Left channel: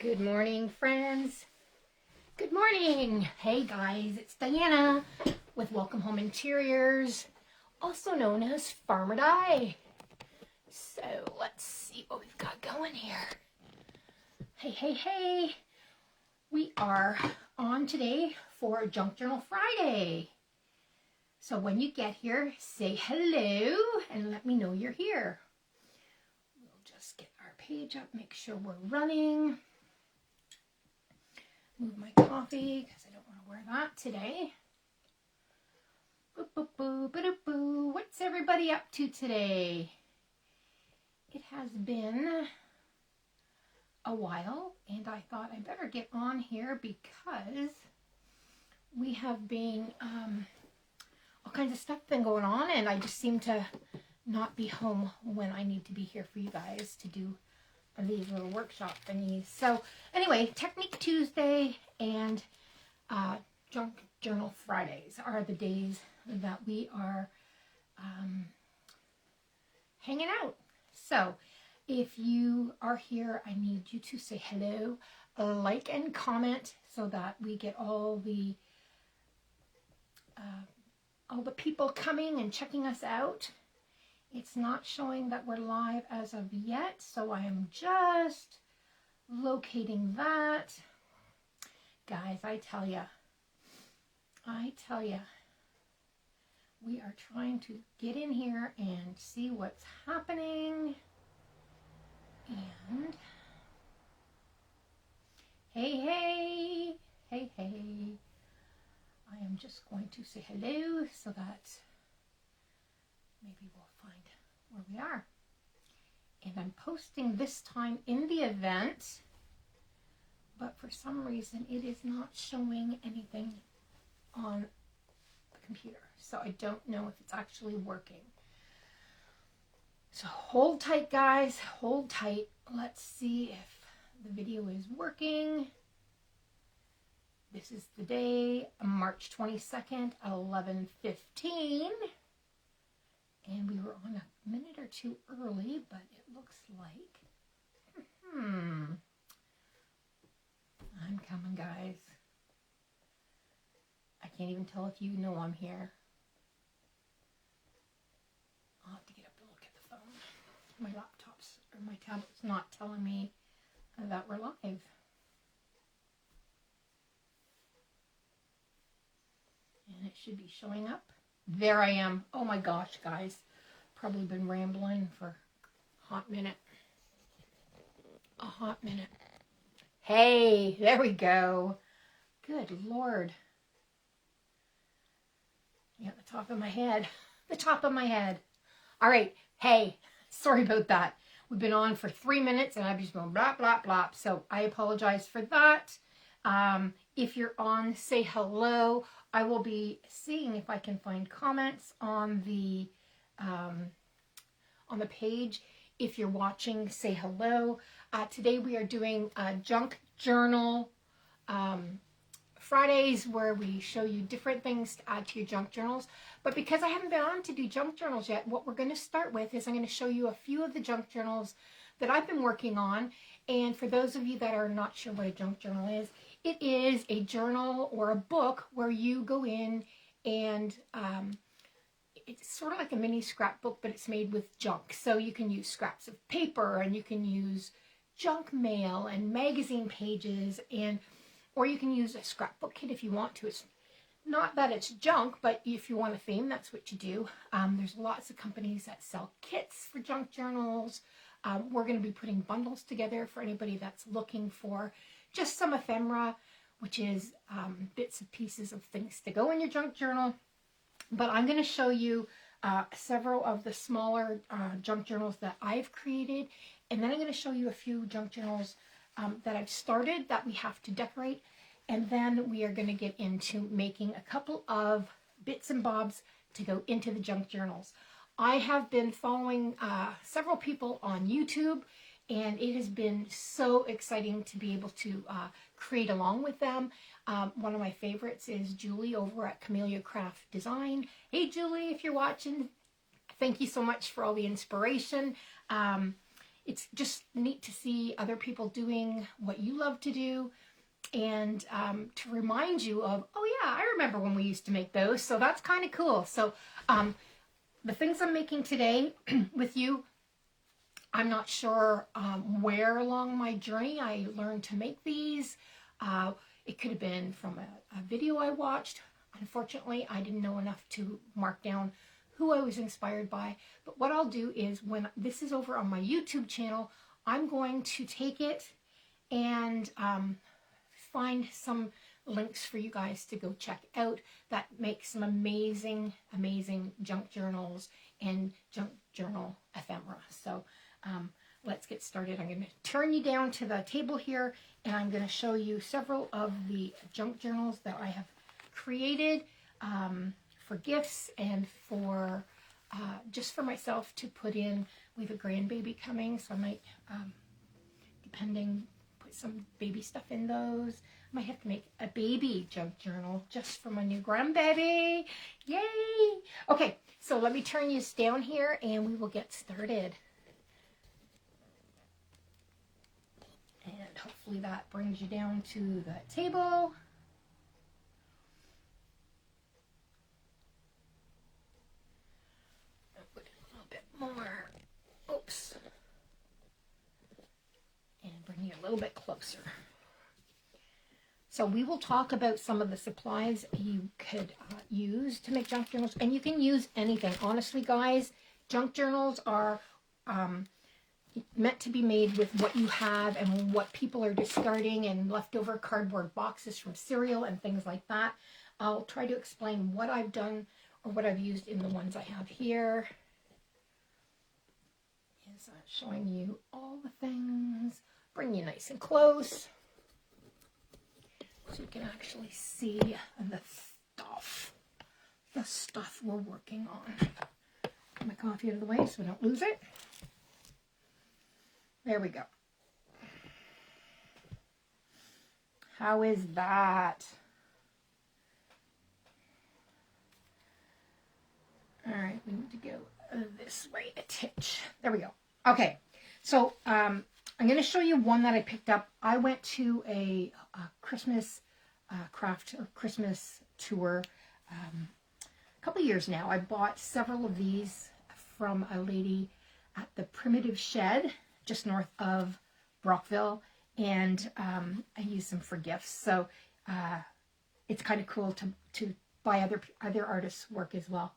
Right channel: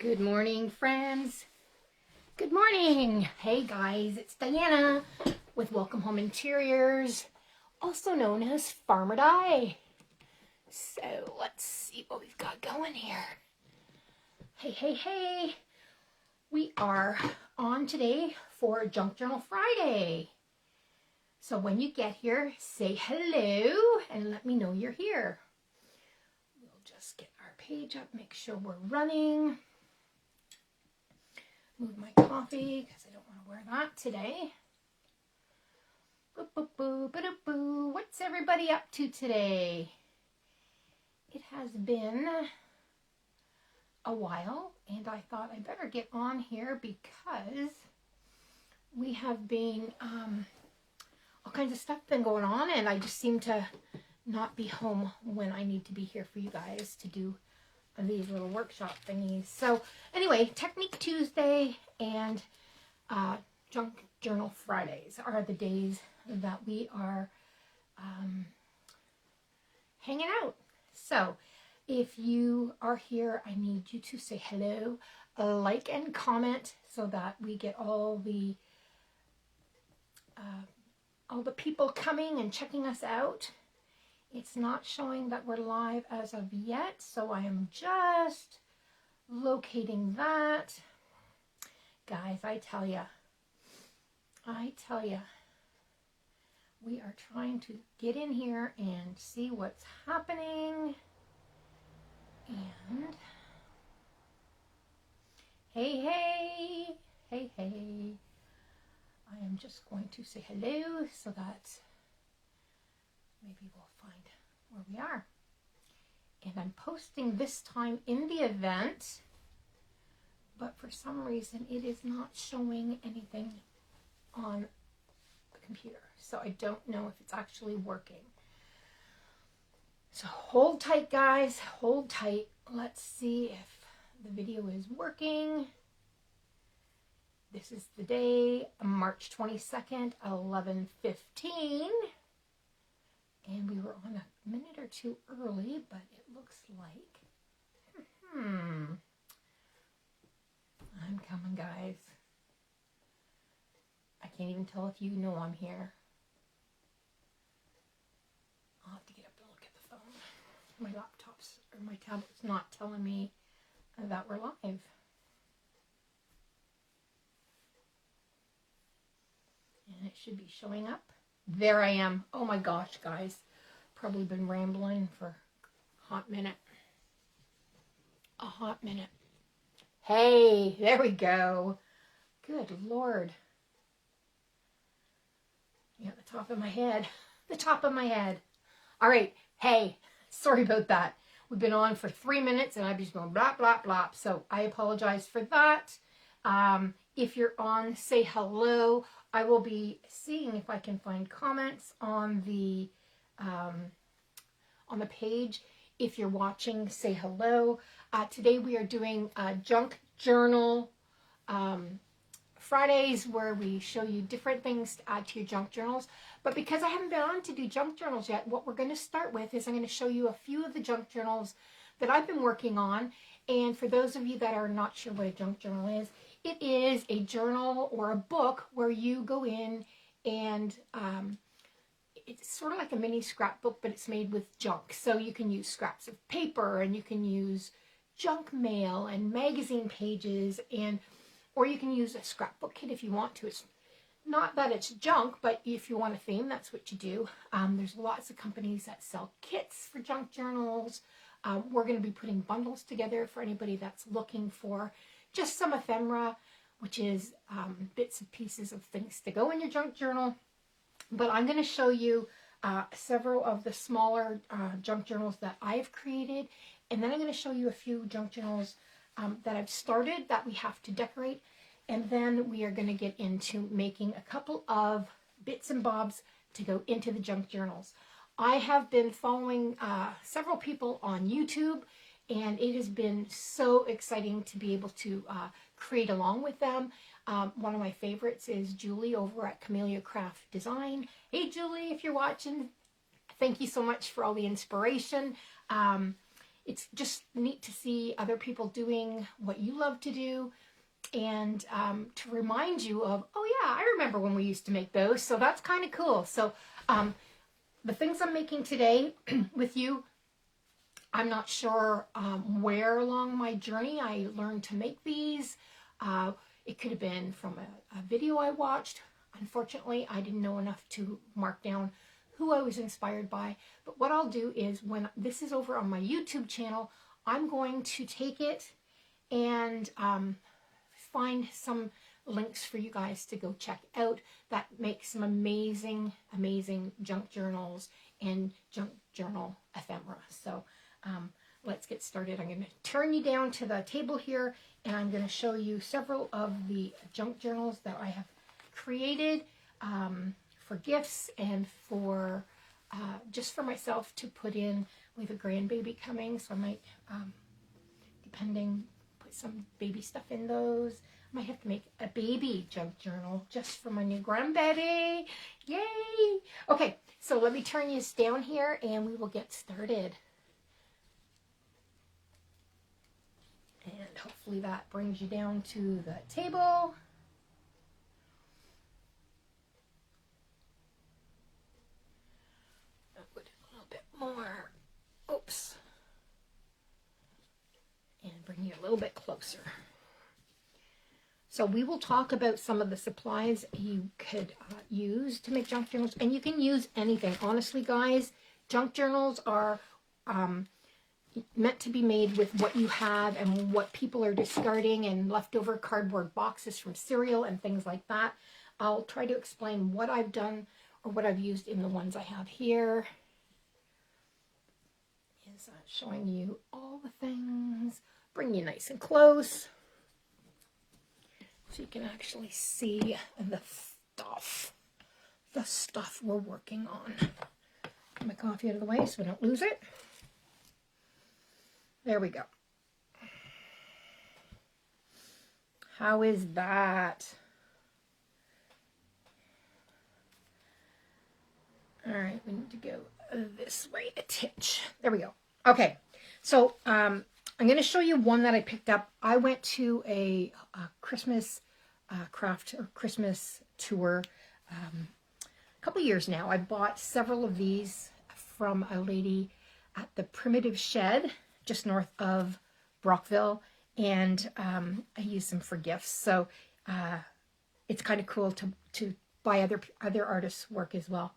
Good morning, friends. Good morning. Hey, guys, it's Diana with Welcome Home Interiors, also known as Farmer Di. So let's see what we've got going here. Hey. We are on today for Junk Journal Friday. So when you get here, say hello and let me know you're here. We'll just get our page up, make sure we're running. Move my coffee because I don't want to wear that today. Boo. What's everybody up to today? It has been a while, and I thought I better get on here because we have been all kinds of stuff been going on, and I just seem to not be home when I need to be here for you guys to do these little workshop thingies. So anyway, Technique Tuesday and Junk Journal Fridays are the days that we are hanging out. So if you are here, I need you to say hello, like and comment so that we get all the people coming and checking us out. It's not showing that we're live as of yet, so I am just locating that. Guys, I tell ya, we are trying to get in here and see what's happening. And hey. I am just going to say hello so that maybe we'll find where we are. And I'm posting this time in the event, but for some reason it is not showing anything on the computer. So I don't know if it's actually working. So hold tight, guys, hold tight. Let's see if the video is working. This is the day, March 22nd, 11:15. And we were on a minute or two early, but it looks like, I'm coming, guys. I can't even tell if you know I'm here. I'll have to get up and look at the phone. My laptop's, or my tablet's not telling me that we're live. And it should be showing up. There I am. Oh my gosh, guys. Probably been rambling for a hot minute. Hey, there we go. Good Lord. Yeah, the top of my head. All right. Hey, sorry about that. We've been on for 3 minutes and I've just been blah, blah, blah. So I apologize for that. If you're on, say hello. I will be seeing if I can find comments on the page. If you're watching, say hello. Today we are doing Junk Journal Fridays, where we show you different things to add to your junk journals. But because I haven't been on to do junk journals yet, what we're going to start with is I'm going to show you a few of the junk journals that I've been working on. And for those of you that are not sure what a junk journal is, it is a journal or a book where you go in and it's sort of like a mini scrapbook, but it's made with junk. So you can use scraps of paper, and you can use junk mail and magazine pages, or you can use a scrapbook kit if you want to. It's not that it's junk, but if you want a theme, that's what you do. There's lots of companies that sell kits for junk journals. We're going to be putting bundles together for anybody that's looking for just some ephemera, which is bits and pieces of things to go in your junk journal. But I'm going to show you several of the smaller junk journals that I've created. And then I'm going to show you a few junk journals that I've started that we have to decorate. And then we are going to get into making a couple of bits and bobs to go into the junk journals. I have been following several people on YouTube, and it has been so exciting to be able to create along with them. One of my favorites is Julie over at Camellia Craft Design. Hey Julie, if you're watching, thank you so much for all the inspiration. it's just neat to see other people doing what you love to do, and to remind you of, oh yeah, I remember when we used to make those. So that's kind of cool. So the things I'm making today with you, I'm not sure where along my journey I learned to make these. It could have been from a video I watched. Unfortunately, I didn't know enough to mark down who I was inspired by. But what I'll do is, when this is over on my YouTube channel, I'm going to take it and find some links for you guys to go check out that make some amazing, amazing junk journals and junk journal ephemera. So let's get started. I'm going to turn you down to the table here, and I'm going to show you several of the junk journals that I have created for gifts and for just for myself to put in. We have a grandbaby coming, so I might, depending, put some baby stuff in those. I might have to make a baby junk journal just for my new grandbaby. Yay! Okay, so let me turn you down here and we will get started. And hopefully that brings you down to the table. I'll put it a little bit more. Oops. And bring you a little bit closer. So we will talk about some of the supplies you could use to make junk journals. And you can use anything. Honestly, guys, junk journals are meant to be made with what you have and what people are discarding and leftover cardboard boxes from cereal and things like that. I'll try to explain what I've done or what I've used in the ones I have here. Is showing you all the things. Bring you nice and close so you can actually see the stuff we're working on. Get my coffee out of the way so I don't lose it. There we go. How is that? All right, we need to go this way a titch. There we go. Okay, so I'm going to show you one that I picked up. I went to a Christmas craft or Christmas tour a couple of years now. I bought several of these from a lady at the Primitive Shed just north of Brockville, and I used them for gifts. So it's kind of cool to buy other artists' work as well.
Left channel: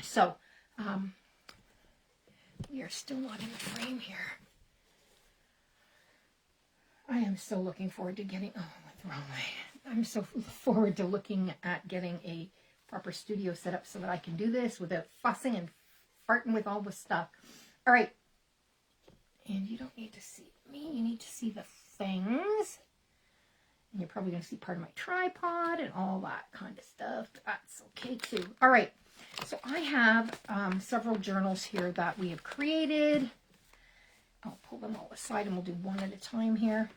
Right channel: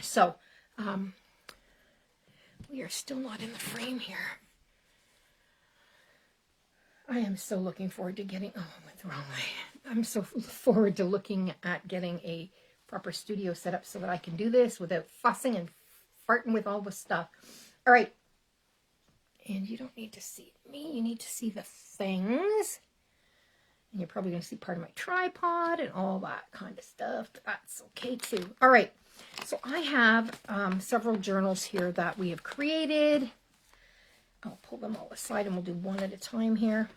So we are still not in the frame here. I am so looking forward to getting, oh, I went the wrong way. I'm so forward to looking at getting a proper studio set up so that I can do this without fussing and farting with all the stuff. All right, and you don't need to see me, you need to see the things. And you're probably going to see part of my tripod and all that kind of stuff, but that's okay too. All right, so I have several journals here that we have created. I'll pull them all aside and we'll do one at a time here.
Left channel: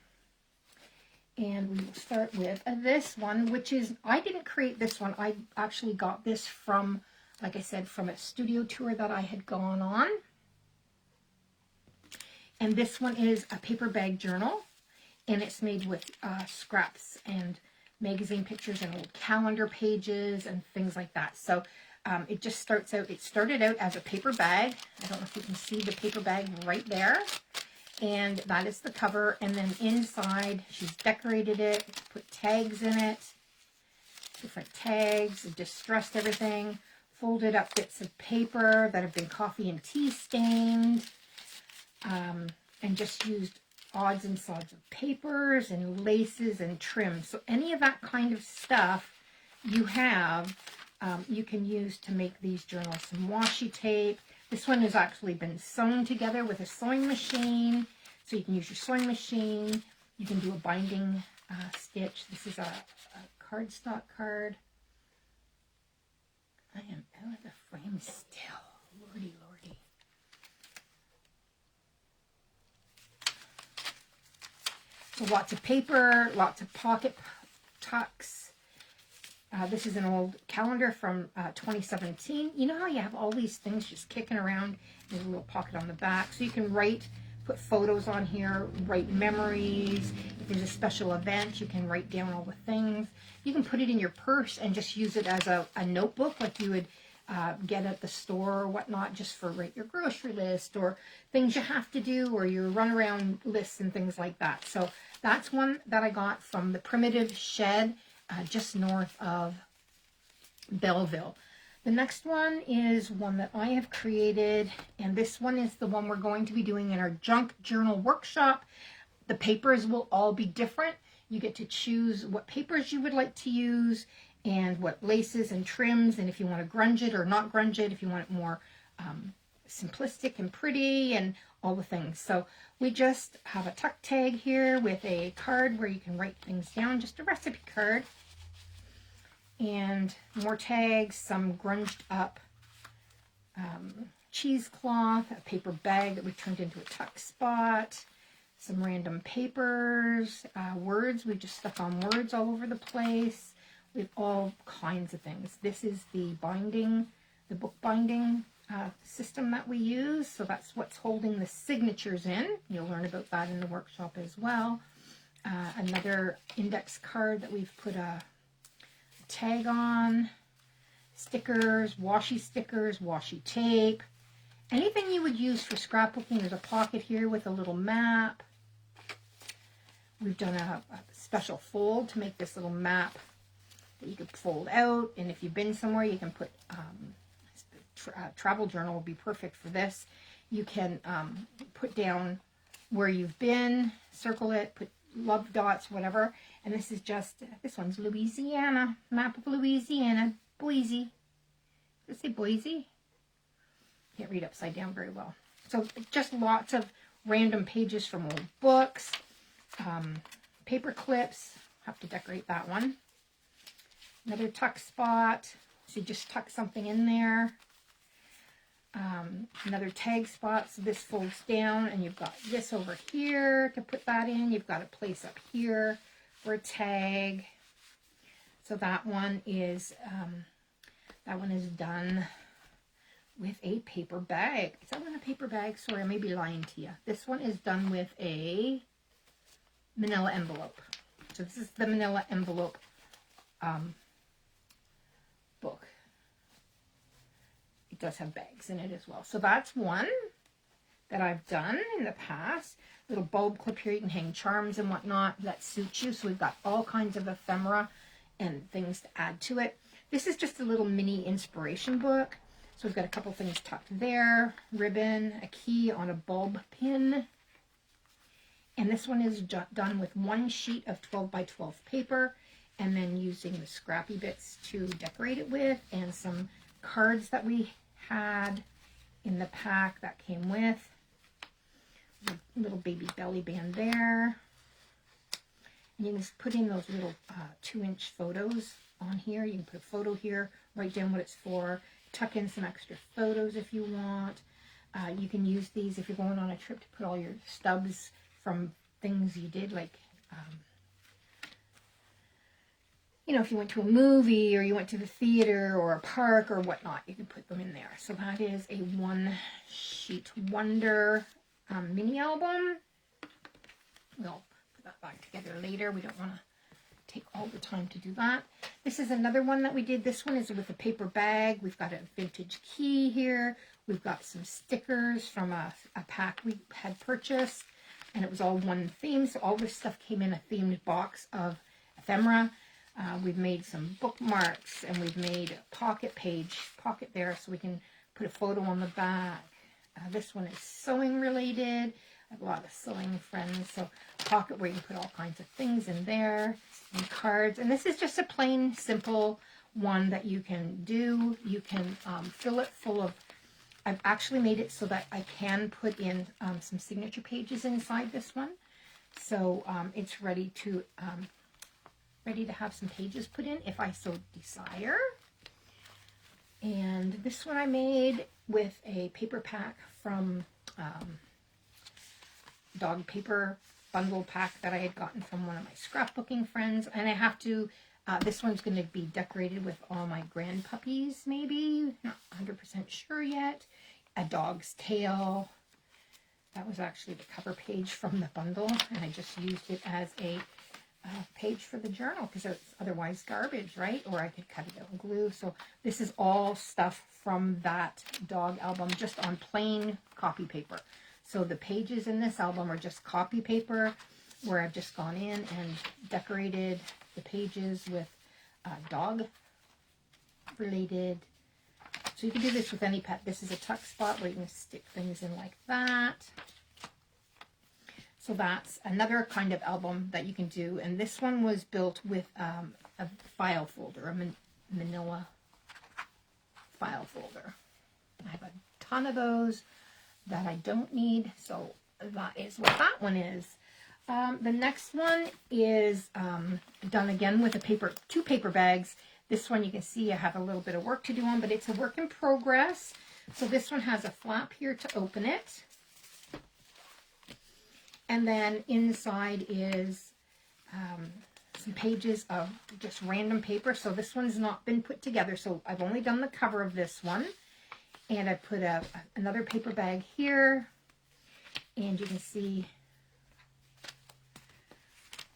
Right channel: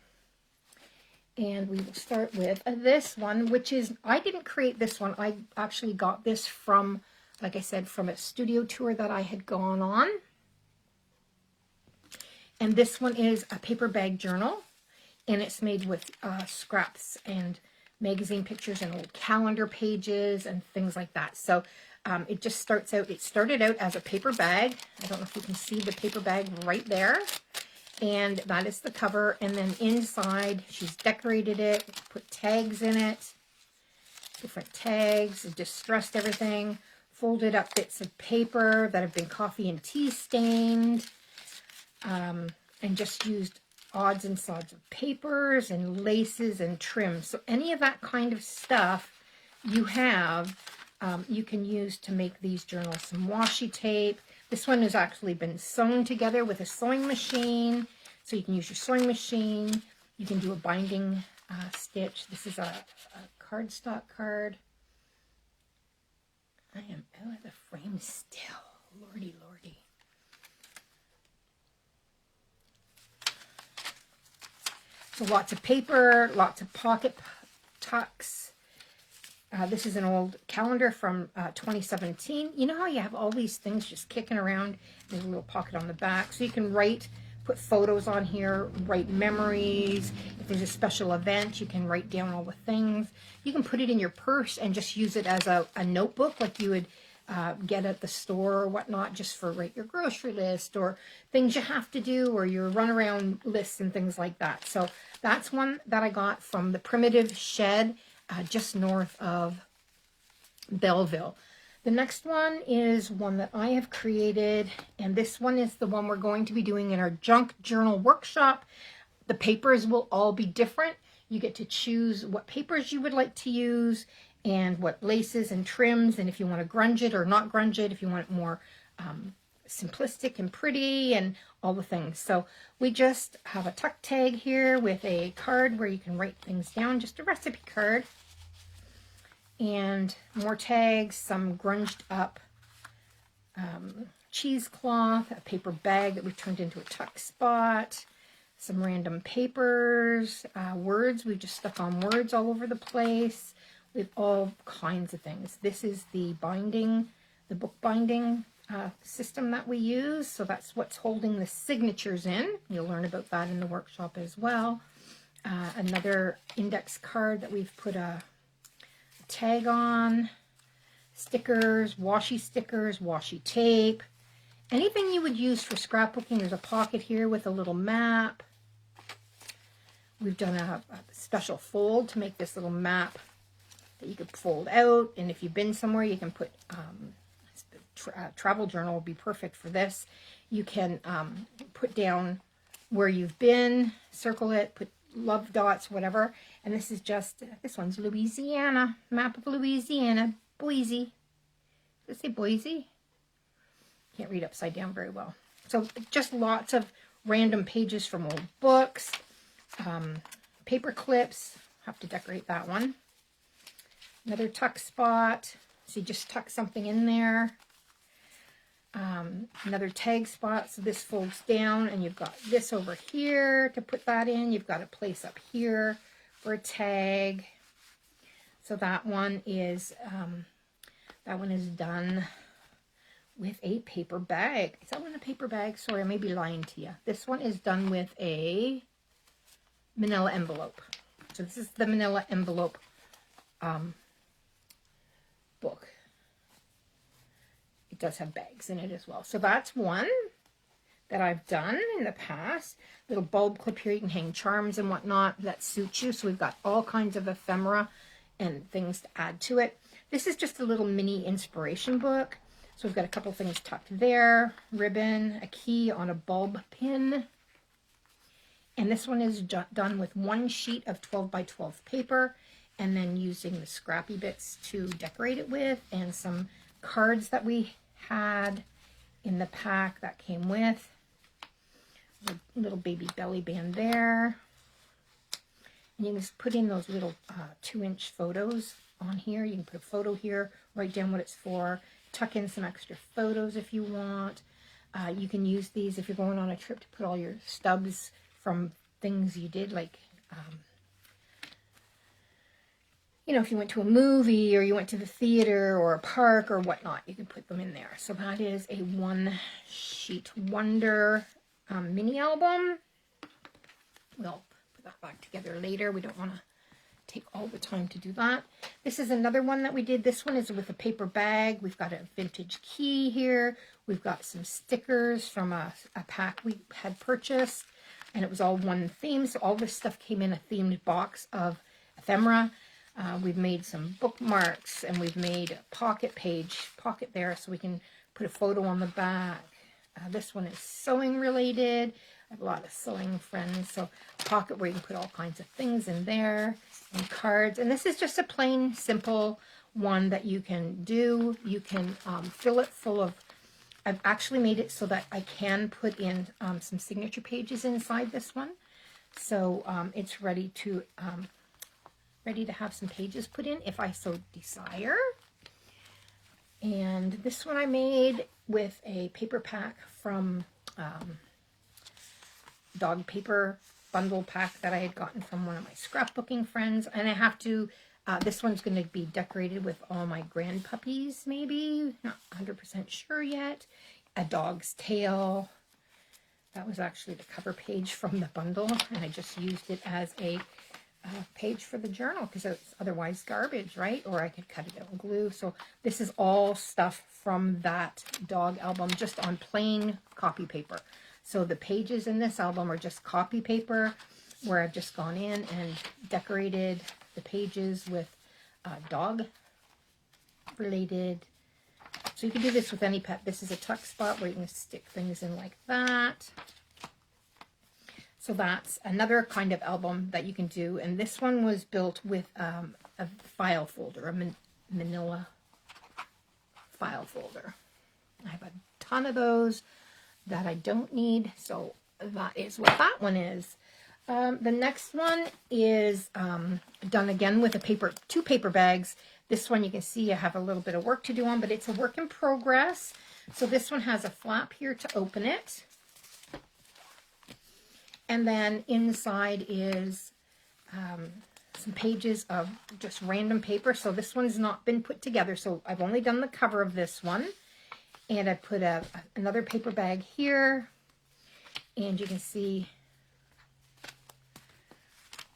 And we will start with this one, which is, I didn't create this one. I actually got this from, like I said, from a studio tour that I had gone on. And this one is a paper bag journal, and it's made with scraps and magazine pictures and old calendar pages and things like that. So it just started out as a paper bag. I don't know if you can see the paper bag right there. And that is the cover. And then inside, she's decorated it, put tags in it, different tags, distressed everything, folded up bits of paper that have been coffee and tea stained, and just used odds and sods of papers and laces and trims. So any of that kind of stuff you have, you can use to make these journals. Some washi tape. This one has actually been sewn together with a sewing machine. So you can use your sewing machine. You can do a binding stitch. This is a cardstock card. I am out of the frame still. Lordy, lordy. So lots of paper, lots of pocket tucks. This is an old calendar from 2017. You know how you have all these things just kicking around? There's a little pocket on the back. So you can write, put photos on here, write memories. If there's a special event, you can write down all the things. You can put it in your purse and just use it as a notebook like you would get at the store or whatnot, just for write your grocery list or things you have to do or your runaround lists and things like that. So that's one that I got from the Primitive Shed just north of Belleville. The next one is one that I have created, and this one is the one we're going to be doing in our junk journal workshop. The papers will all be different. You get to choose what papers you would like to use and what laces and trims, and if you want to grunge it or not grunge it, if you want it more simplistic and pretty and all the things. So we just have a tuck tag here with a card where you can write things down, just a recipe card. And more tags, some grunged up cheesecloth, a paper bag that we turned into a tuck spot, some random papers, words. We just stuck on words all over the place. We have all kinds of things. This is the binding, the book binding system that we use. So that's what's holding the signatures in. You'll learn about that in the workshop as well. Another index card that we've put a tag on, stickers, washi tape, anything you would use for scrapbooking. There's a pocket here with a little map. We've done a special fold to make this little map that you could fold out, and if you've been somewhere, you can put travel journal will be perfect for this. You can put down where you've been, circle it, put love dots, whatever. And this is just, this one's Louisiana, map of Louisiana, Boise. Did it say Boise? Can't read upside down very well. So just lots of random pages from old books, paper clips. Have to decorate that one. Another tuck spot. So you just tuck something in there. Another tag spot. So this folds down and you've got this over here to put that in. You've got a place up here for a tag. So that one is done with a paper bag. Is that one a paper bag? Sorry, I may be lying to you. This one is done with a manila envelope. So this is the manila envelope book. It does have bags in it as well. So that's one that I've done in the past. Little bulb clip here. You can hang charms and whatnot that suits you. So we've got all kinds of ephemera and things to add to it. This is just a little mini inspiration book. So we've got a couple things tucked there. Ribbon, a key on a bulb pin. And this one is done with one sheet of 12 by 12 paper, and then using the scrappy bits to decorate it with, and some cards that we had in the pack that came with. A little baby belly band there. And you can just put in those little 2-inch photos on here. You can put a photo here, write down what it's for, tuck in some extra photos if you want. You can use these if you're going on a trip to put all your stubs from things you did, like you know, if you went to a movie or you went to the theater or a park or whatnot, you can put them in there. So that is a one-sheet wonder mini album. We'll put that back together later. We don't want to take all the time to do that. This is another one that we did. This one is with a paper bag. We've got a vintage key here. We've got some stickers from a pack we had purchased, and it was all one theme. So all this stuff came in a themed box of ephemera. We've made some bookmarks, and we've made a pocket there so we can put a photo on the back. This one is sewing related. I have a lot of sewing friends, so a pocket where you can put all kinds of things in there, and cards. And this is just a plain, simple one that you can do. You can fill it full of, I've actually made it so that I can put in some signature pages inside this one. So it's ready to have some pages put in if I so desire. And this one I made with a paper pack from dog paper bundle pack that I had gotten from one of my scrapbooking friends. And I have to This one's going to be decorated with all my grand puppies, maybe. Not 100% sure yet. A dog's tail. That was actually the cover page from the bundle, and I just used it as a page for the journal because it's otherwise garbage, right? Or I could cut it out and glue. So this is all stuff from that dog album, just on plain copy paper. So the pages in this album are just copy paper where I've just gone in and decorated the pages with dog related. So you can do this with any pet. This is a tuck spot where you can stick things in like that. So that's another kind of album that you can do. And this one was built with a file folder, a manila file folder. I have a ton of those that I don't need. So that is what that one is. The next one is done again with two paper bags. This one you can see I have a little bit of work to do on, but it's a work in progress. So this one has a flap here to open it. And then inside is some pages of just random paper. So this one's not been put together. So I've only done the cover of this one. And I put another paper bag here. And you can see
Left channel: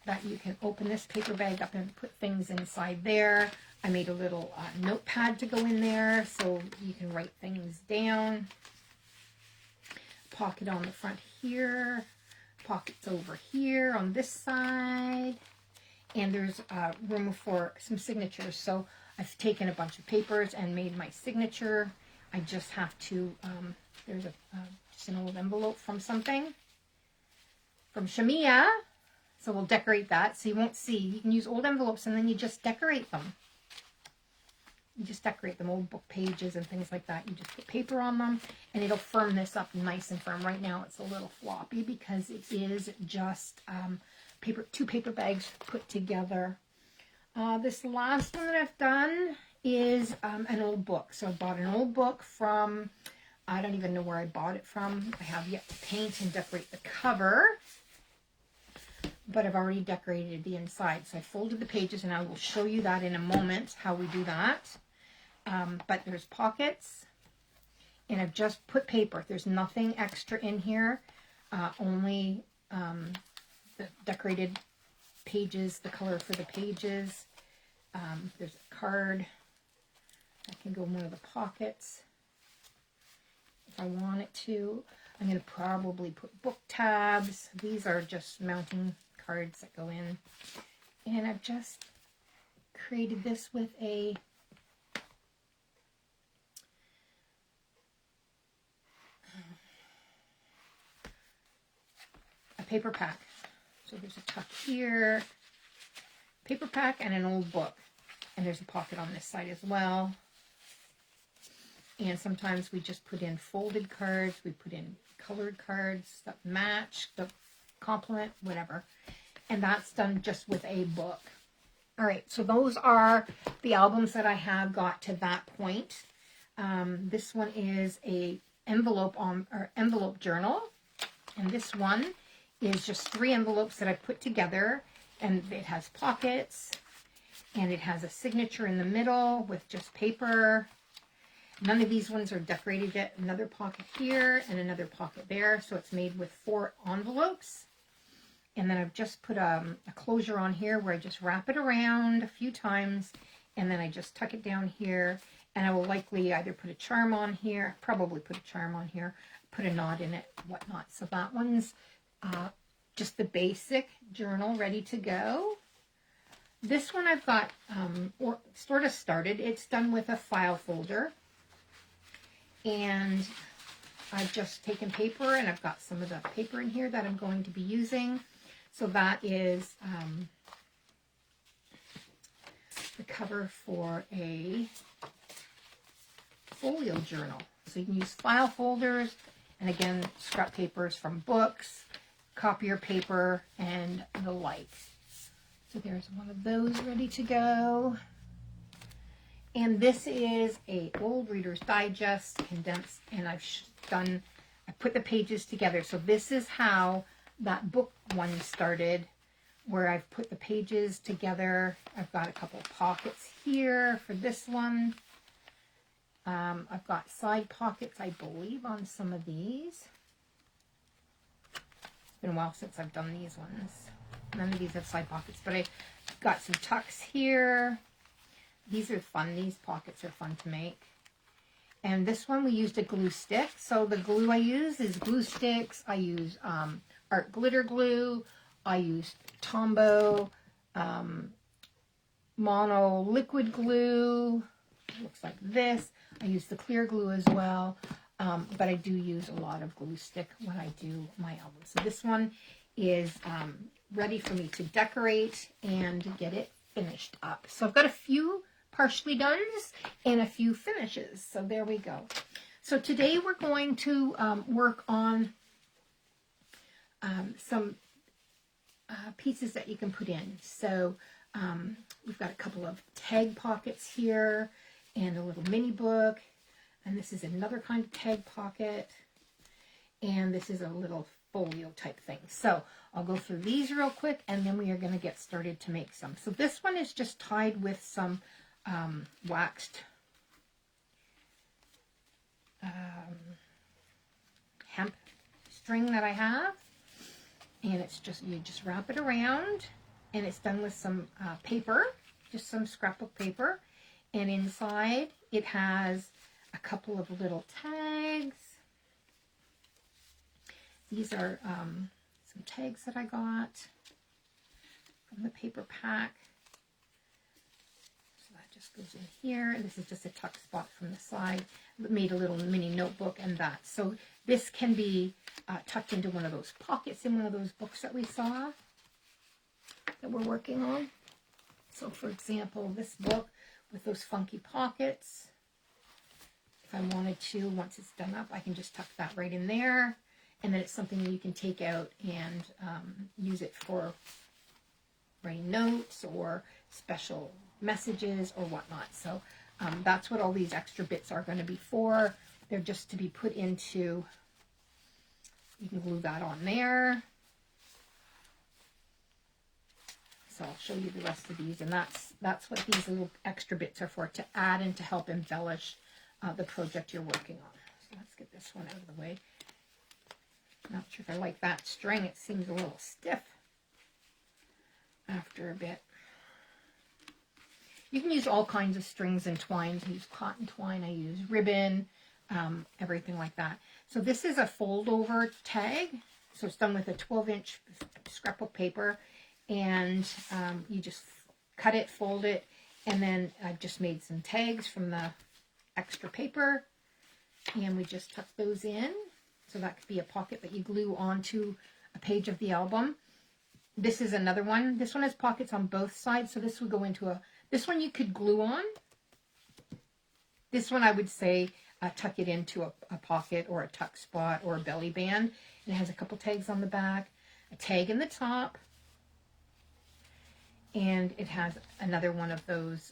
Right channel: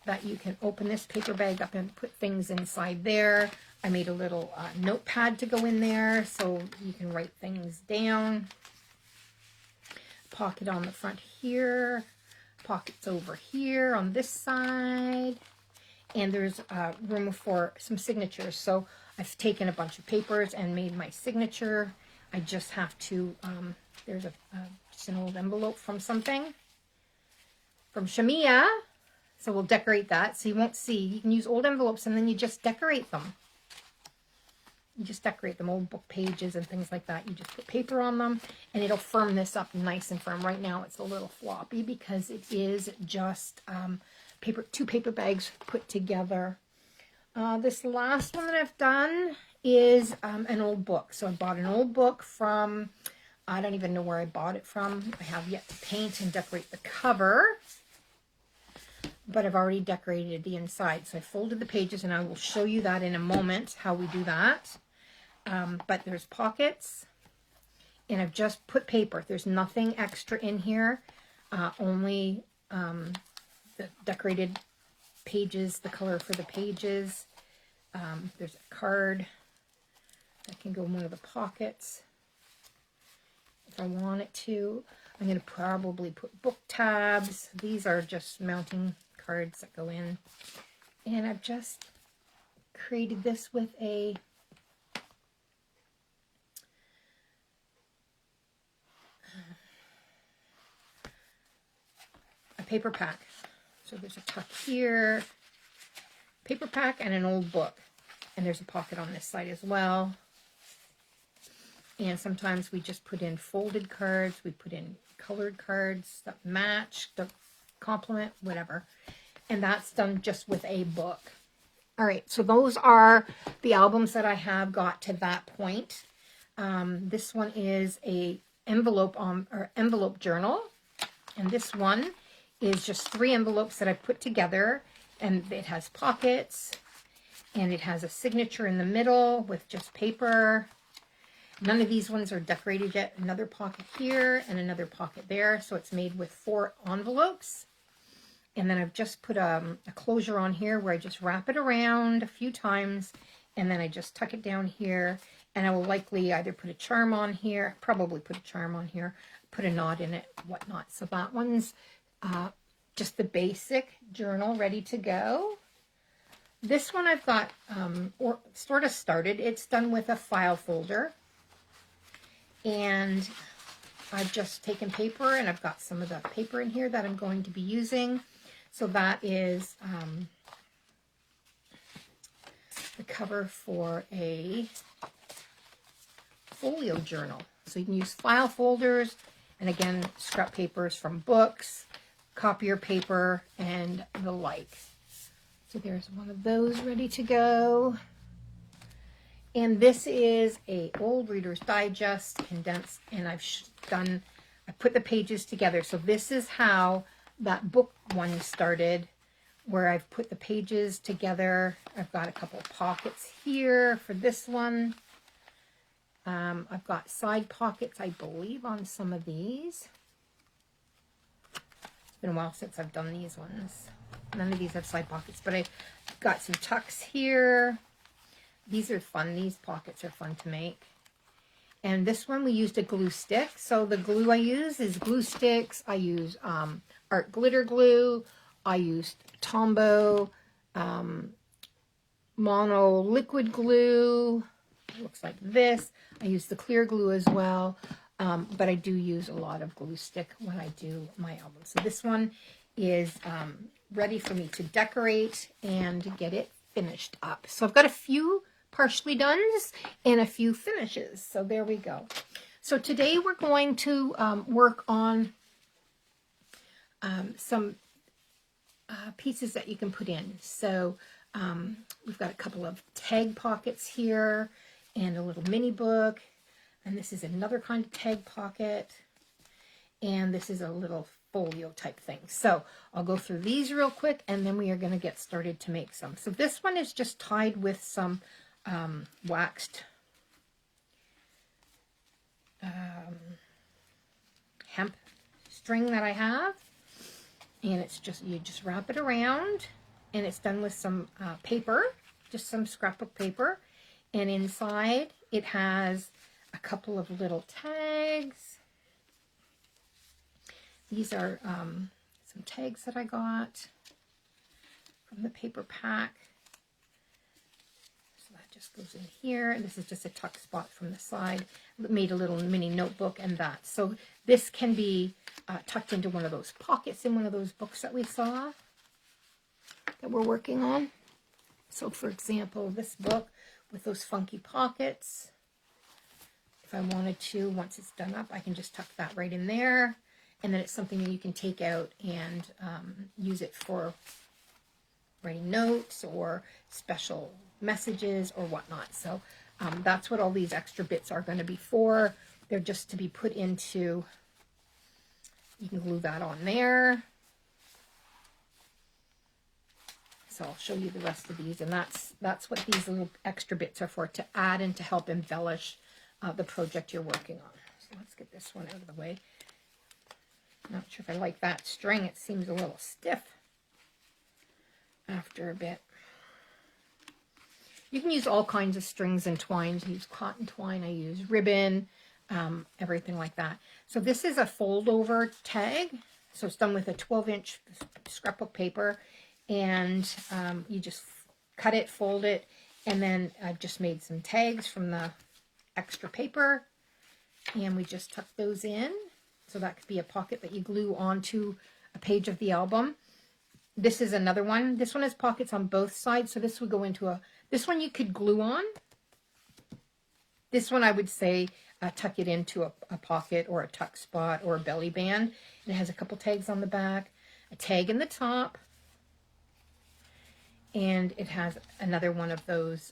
that you can open this paper bag up and put things inside there. I made a little notepad to go in there so you can write things down. Pocket on the front here. Pockets over here on this side. And there's room for some signatures. So I've taken a bunch of papers and made my signature. I just have to, there's just an old envelope from something. From Shamia. So we'll decorate that so you won't see. You can use old envelopes and then you just decorate them. You just decorate them, old book pages and things like that. You just put paper on them and it'll firm this up nice and firm. Right now it's a little floppy because it is just two paper bags put together. This last one that I've done is an old book. So I bought an old book from, I don't even know where I bought it from. I have yet to paint and decorate the cover. But I've already decorated the inside. So I folded the pages and I will show you that in a moment, how we do that. But there's pockets and I've just put paper. There's nothing extra in here, only the decorated pages, the color for the pages. There's a card that can go in one of the pockets if I want it to. I'm going to probably put book tabs. These are just mounting cards that go in. And I've just created this with a paper pack. So there's a tuck here, paper pack, and an old book. And there's a pocket on this side as well. And sometimes we just put in folded cards. We put in colored cards that match, that complement, whatever. And that's done just with a book. All right, so those are the albums that I have got to that point. This one is a envelope journal. And this one is just 3 envelopes that I put together. And it has pockets. And it has a signature in the middle with just paper. None of these ones are decorated yet. Another pocket here and another pocket there. So it's made with 4 envelopes. And then I've just put a closure on here where I just wrap it around a few times. And then I just tuck it down here. And I will likely either put a charm on here. Probably put a charm on here. Put a knot in it, whatnot. So that one's just the basic journal ready to go. This one I've got sort of started. It's done with a file folder. And I've just taken paper and I've got some of the paper in here that I'm going to be using. So that is the cover for a folio journal. So you can use file folders and again, scrap papers from books, copier paper, and the like. So there's one of those ready to go. And this is a old Reader's Digest condensed, and I put the pages together. So this is how that book one started where I've put the pages together. I've got a couple of pockets here for this one. I've got side pockets, I believe, on some of these. It's been a while since I've done these ones. None of these have side pockets, but I've got some tucks here. These are fun. These pockets are fun to make. And this one we used a glue stick. So the glue I use is glue sticks. I use art glitter glue. I used Tombow mono liquid glue. It looks like this. I use the clear glue as well. But I do use a lot of glue stick when I do my album. So this one is ready for me to decorate and get it finished up. So I've got a few partially dones and a few finishes. So there we go. So today we're going to work on some pieces that you can put in. So we've got a couple of tag pockets here and a little mini book. And this is another kind of tag pocket. And this is a little folio type thing. So I'll go through these real quick and then we are going to get started to make some. So this one is just tied with some waxed hemp string that I have. And it's just, you just wrap it around and it's done with some paper, just some scrapbook paper. And inside it has a couple of little tags. These are some tags that I got from the paper pack. So that just goes in here. And this is just a tuck spot from the side. Made a little mini notebook and that. So this can be tucked into one of those pockets in one of those books that we saw that we're working on. So for example, this book with those funky pockets. If I wanted to, once it's done up, I can just tuck that right in there. And then it's something that you can take out and use it for writing notes or special messages or whatnot. So that's what all these extra bits are going to be for. They're just to be put into, you can glue that on there. So I'll show you the rest of these. And that's what these little extra bits are for, to add and to help embellish the project you're working on. So let's get this one out of the way. Not sure if I like that string. It seems a little stiff after a bit. You can use all kinds of strings and twines. I use cotton twine. I use ribbon, everything like that. So this is a fold over tag. So it's done with a 12-inch scrapbook paper. And you just cut it, fold it, and then I've just made some tags from the extra paper. And we just tuck those in. So that could be a pocket that you glue onto a page of the album. This is another one. This one has pockets on both sides. So this would go into this one you could glue on. This one I would say tuck it into a pocket or a tuck spot or a belly band. And it has a couple tags on the back, a tag in the top. And it has another one of those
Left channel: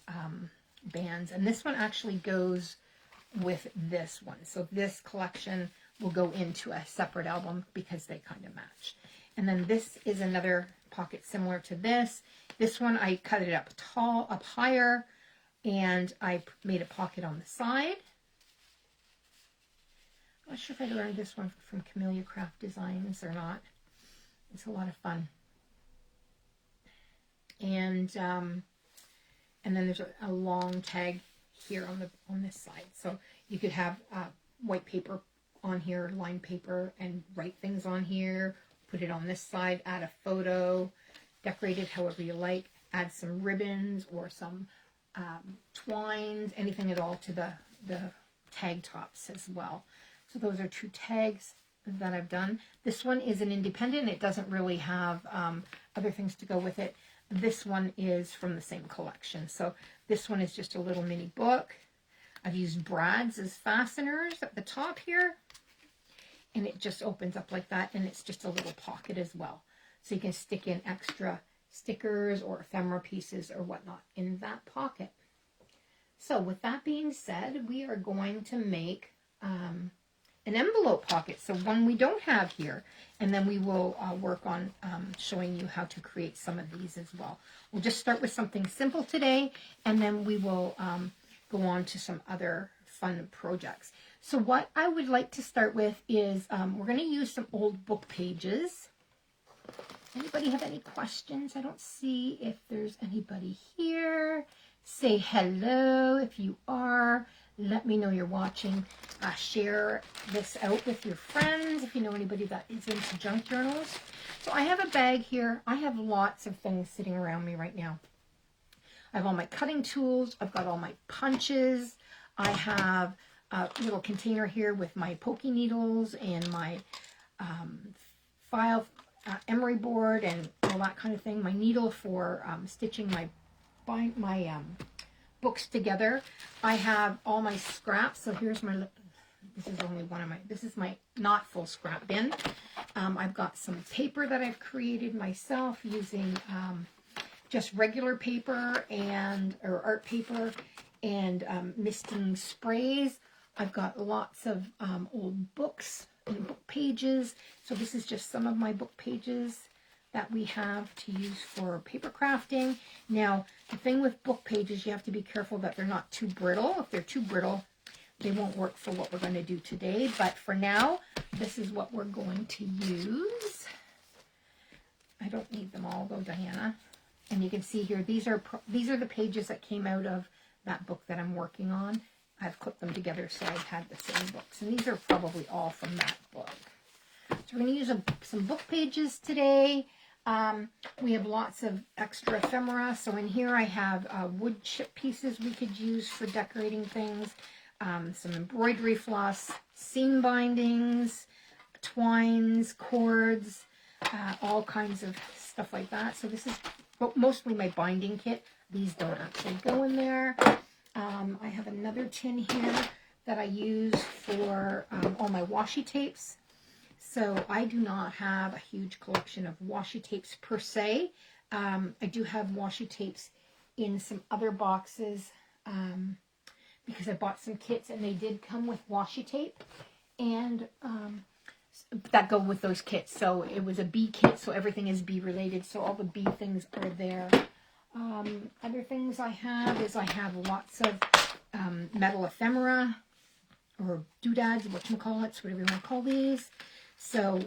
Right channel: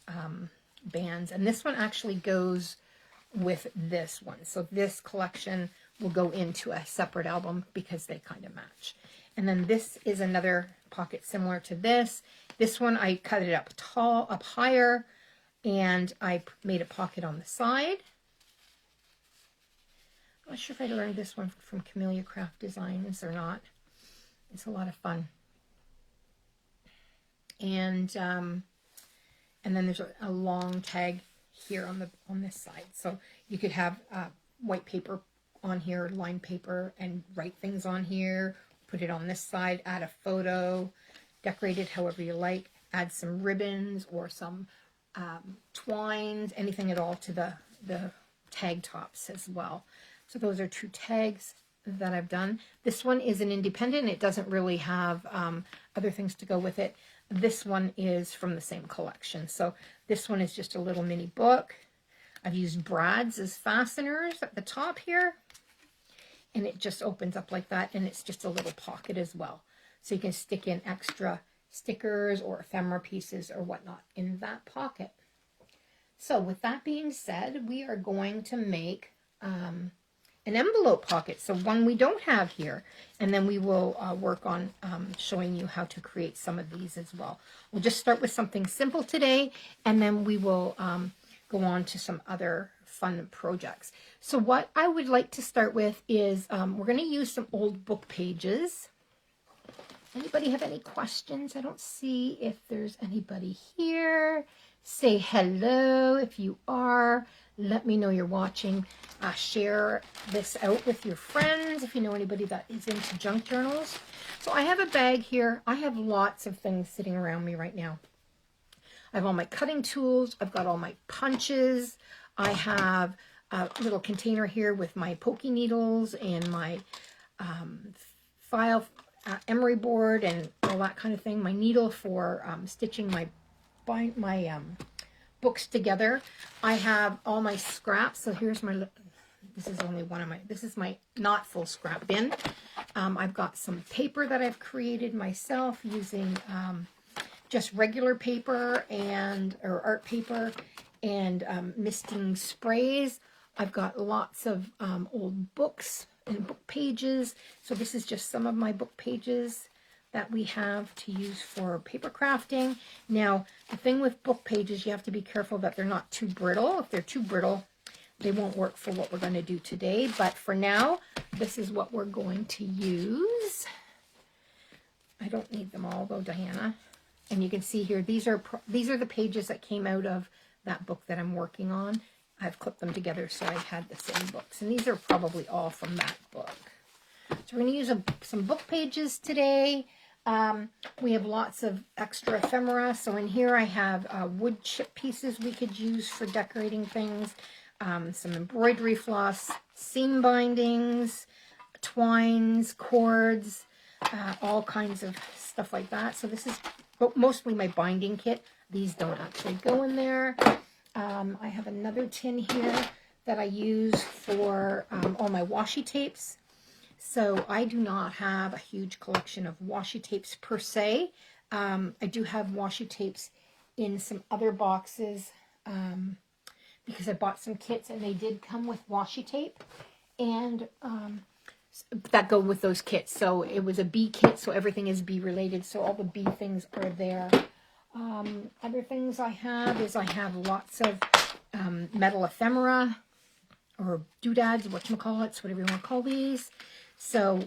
bands. And this one actually goes with this one. So this collection will go into a separate album because they kind of match. And then this is another pocket similar to this. This one I cut it up tall, up higher, and I made a pocket on the side. I'm not sure if I learned this one from Camellia Craft Designs or not. It's a lot of fun. And then there's a long tag here on this side. So you could have white paper on here, lined paper, and write things on here. Put it on this side, add a photo, decorate it however you like, add some ribbons or some twines, anything at all to the tag tops as well. So those are two tags that I've done. This one is an independent. It doesn't really have other things to go with it. This one is from the same collection. So this one is just a little mini book. I've used brads as fasteners at the top here. And it just opens up like that. And it's just a little pocket as well. So you can stick in extra stickers or ephemera pieces or whatnot in that pocket. So with that being said, we are going to make an envelope pocket, so one we don't have here. And then we will work on showing you how to create some of these as well. We'll just start with something simple today, and then we will go on to some other fun projects. So what I would like to start with is we're going to use some old book pages. Anybody have any questions? I don't see if there's anybody here. Say hello if you are. Let me know you're watching. Share this out with your friends if you know anybody that is into junk journals. So I have a bag here. I have lots of things sitting around me right now. I have all my cutting tools. I've got all my punches. I have a little container here with my pokey needles and my file emery board and all that kind of thing. My needle for stitching my books together. I have all my scraps. So here's my, this is only one of my, this is my not full scrap bin. I've got some paper that I've created myself using just regular paper or art paper and misting sprays. I've got lots of old books and book pages. So this is just some of my book pages that we have to use for paper crafting. Now, the thing with book pages, you have to be careful that they're not too brittle. If they're too brittle, they won't work for what we're going to do today. But for now, this is what we're going to use. I don't need them all though, Diana. And you can see here, these are the pages that came out of that book that I'm working on. I've clipped them together so I had the same books. And these are probably all from that book. So we're going to use some book pages today. We have lots of extra ephemera. So in here I have wood chip pieces we could use for decorating things. Some embroidery floss, seam bindings, twines, cords, all kinds of stuff like that. So this is mostly my binding kit. These don't actually go in there. I have another tin here that I use for all my washi tapes. So I do not have a huge collection of washi tapes per se. I do have washi tapes in some other boxes because I bought some kits and they did come with washi tape and that go with those kits. So it was a bee kit, so everything is bee related. So all the bee things are there. Other things I have is I have lots of metal ephemera or doodads, whatchamacallits, whatever you want to call these. So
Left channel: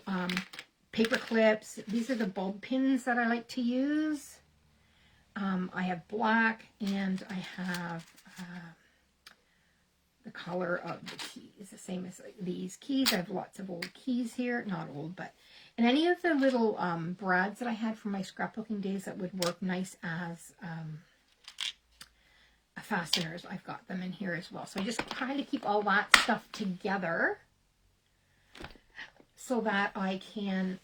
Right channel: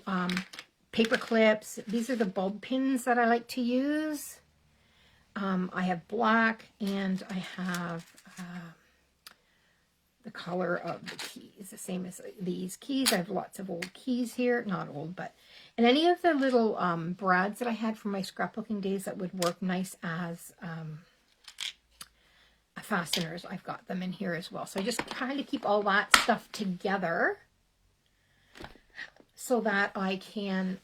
paper clips. These are the bulb pins that I like to use. I have black and I have the color of the keys, the same as these keys. I have lots of old keys here. Not old, but... And any of the little brads that I had from my scrapbooking days that would work nice as fasteners, I've got them in here as well. So I just kind of keep all that stuff together so that I can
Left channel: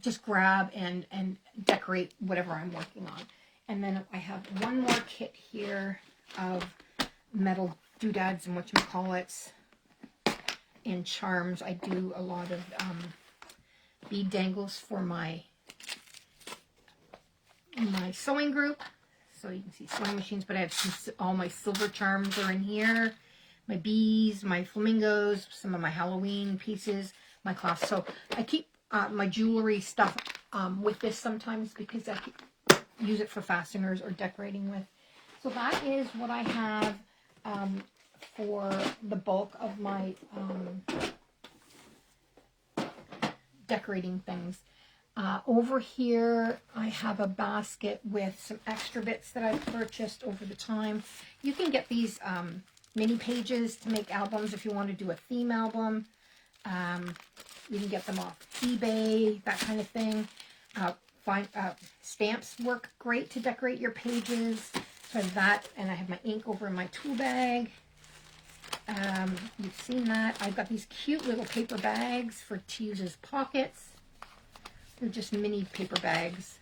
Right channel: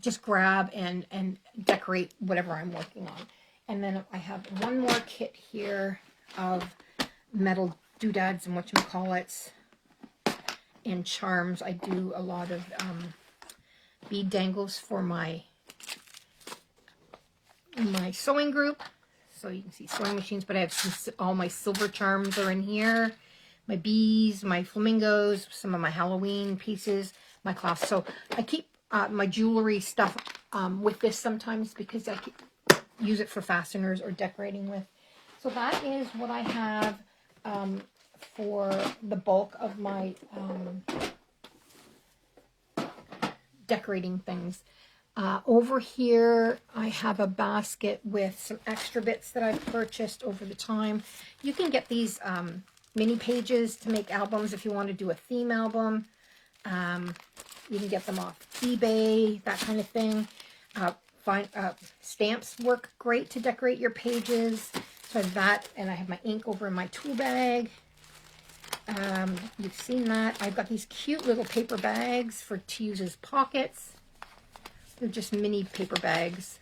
just grab and decorate whatever I'm working on. And then I have one more kit here of metal doodads and whatchamacallits and charms. I do a lot of bead dangles for my sewing group. So you can see sewing machines, but I have all my silver charms are in here. My bees, my flamingos, some of my Halloween pieces, my cloths. So I keep my jewelry stuff with this sometimes because I use it for fasteners or decorating with. So that is what I have for the bulk of my decorating things. Over here, I have a basket with some extra bits that I've purchased over the time. You can get these mini pages to make albums if you want to do a theme album. You can get them off eBay, that kind of thing. Stamps work great to decorate your pages. So I have that, and I have my ink over in my tool bag. You've seen that. I've got these cute little paper bags to use as pockets. They're just mini paper bags.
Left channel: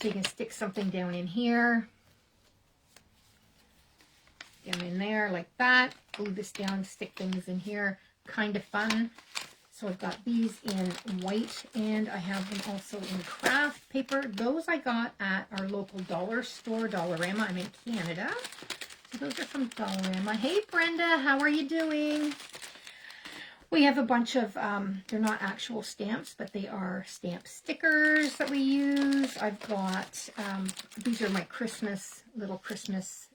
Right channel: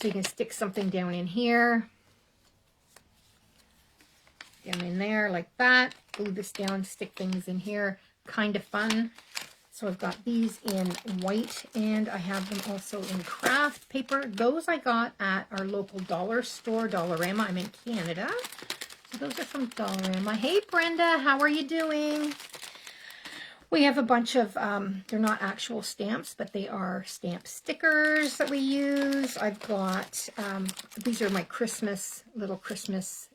So you can stick something down in here. Down in there like that. Glue this down, stick things in here. Kind of fun. So I've got these in white, and I have them also in craft paper. Those I got at our local dollar store, Dollarama. I'm in Canada. So those are from Dollarama. Hey, Brenda, how are you doing? We have a bunch of, they're not actual stamps, but they are stamp stickers that we use. I've got, these are my little Christmas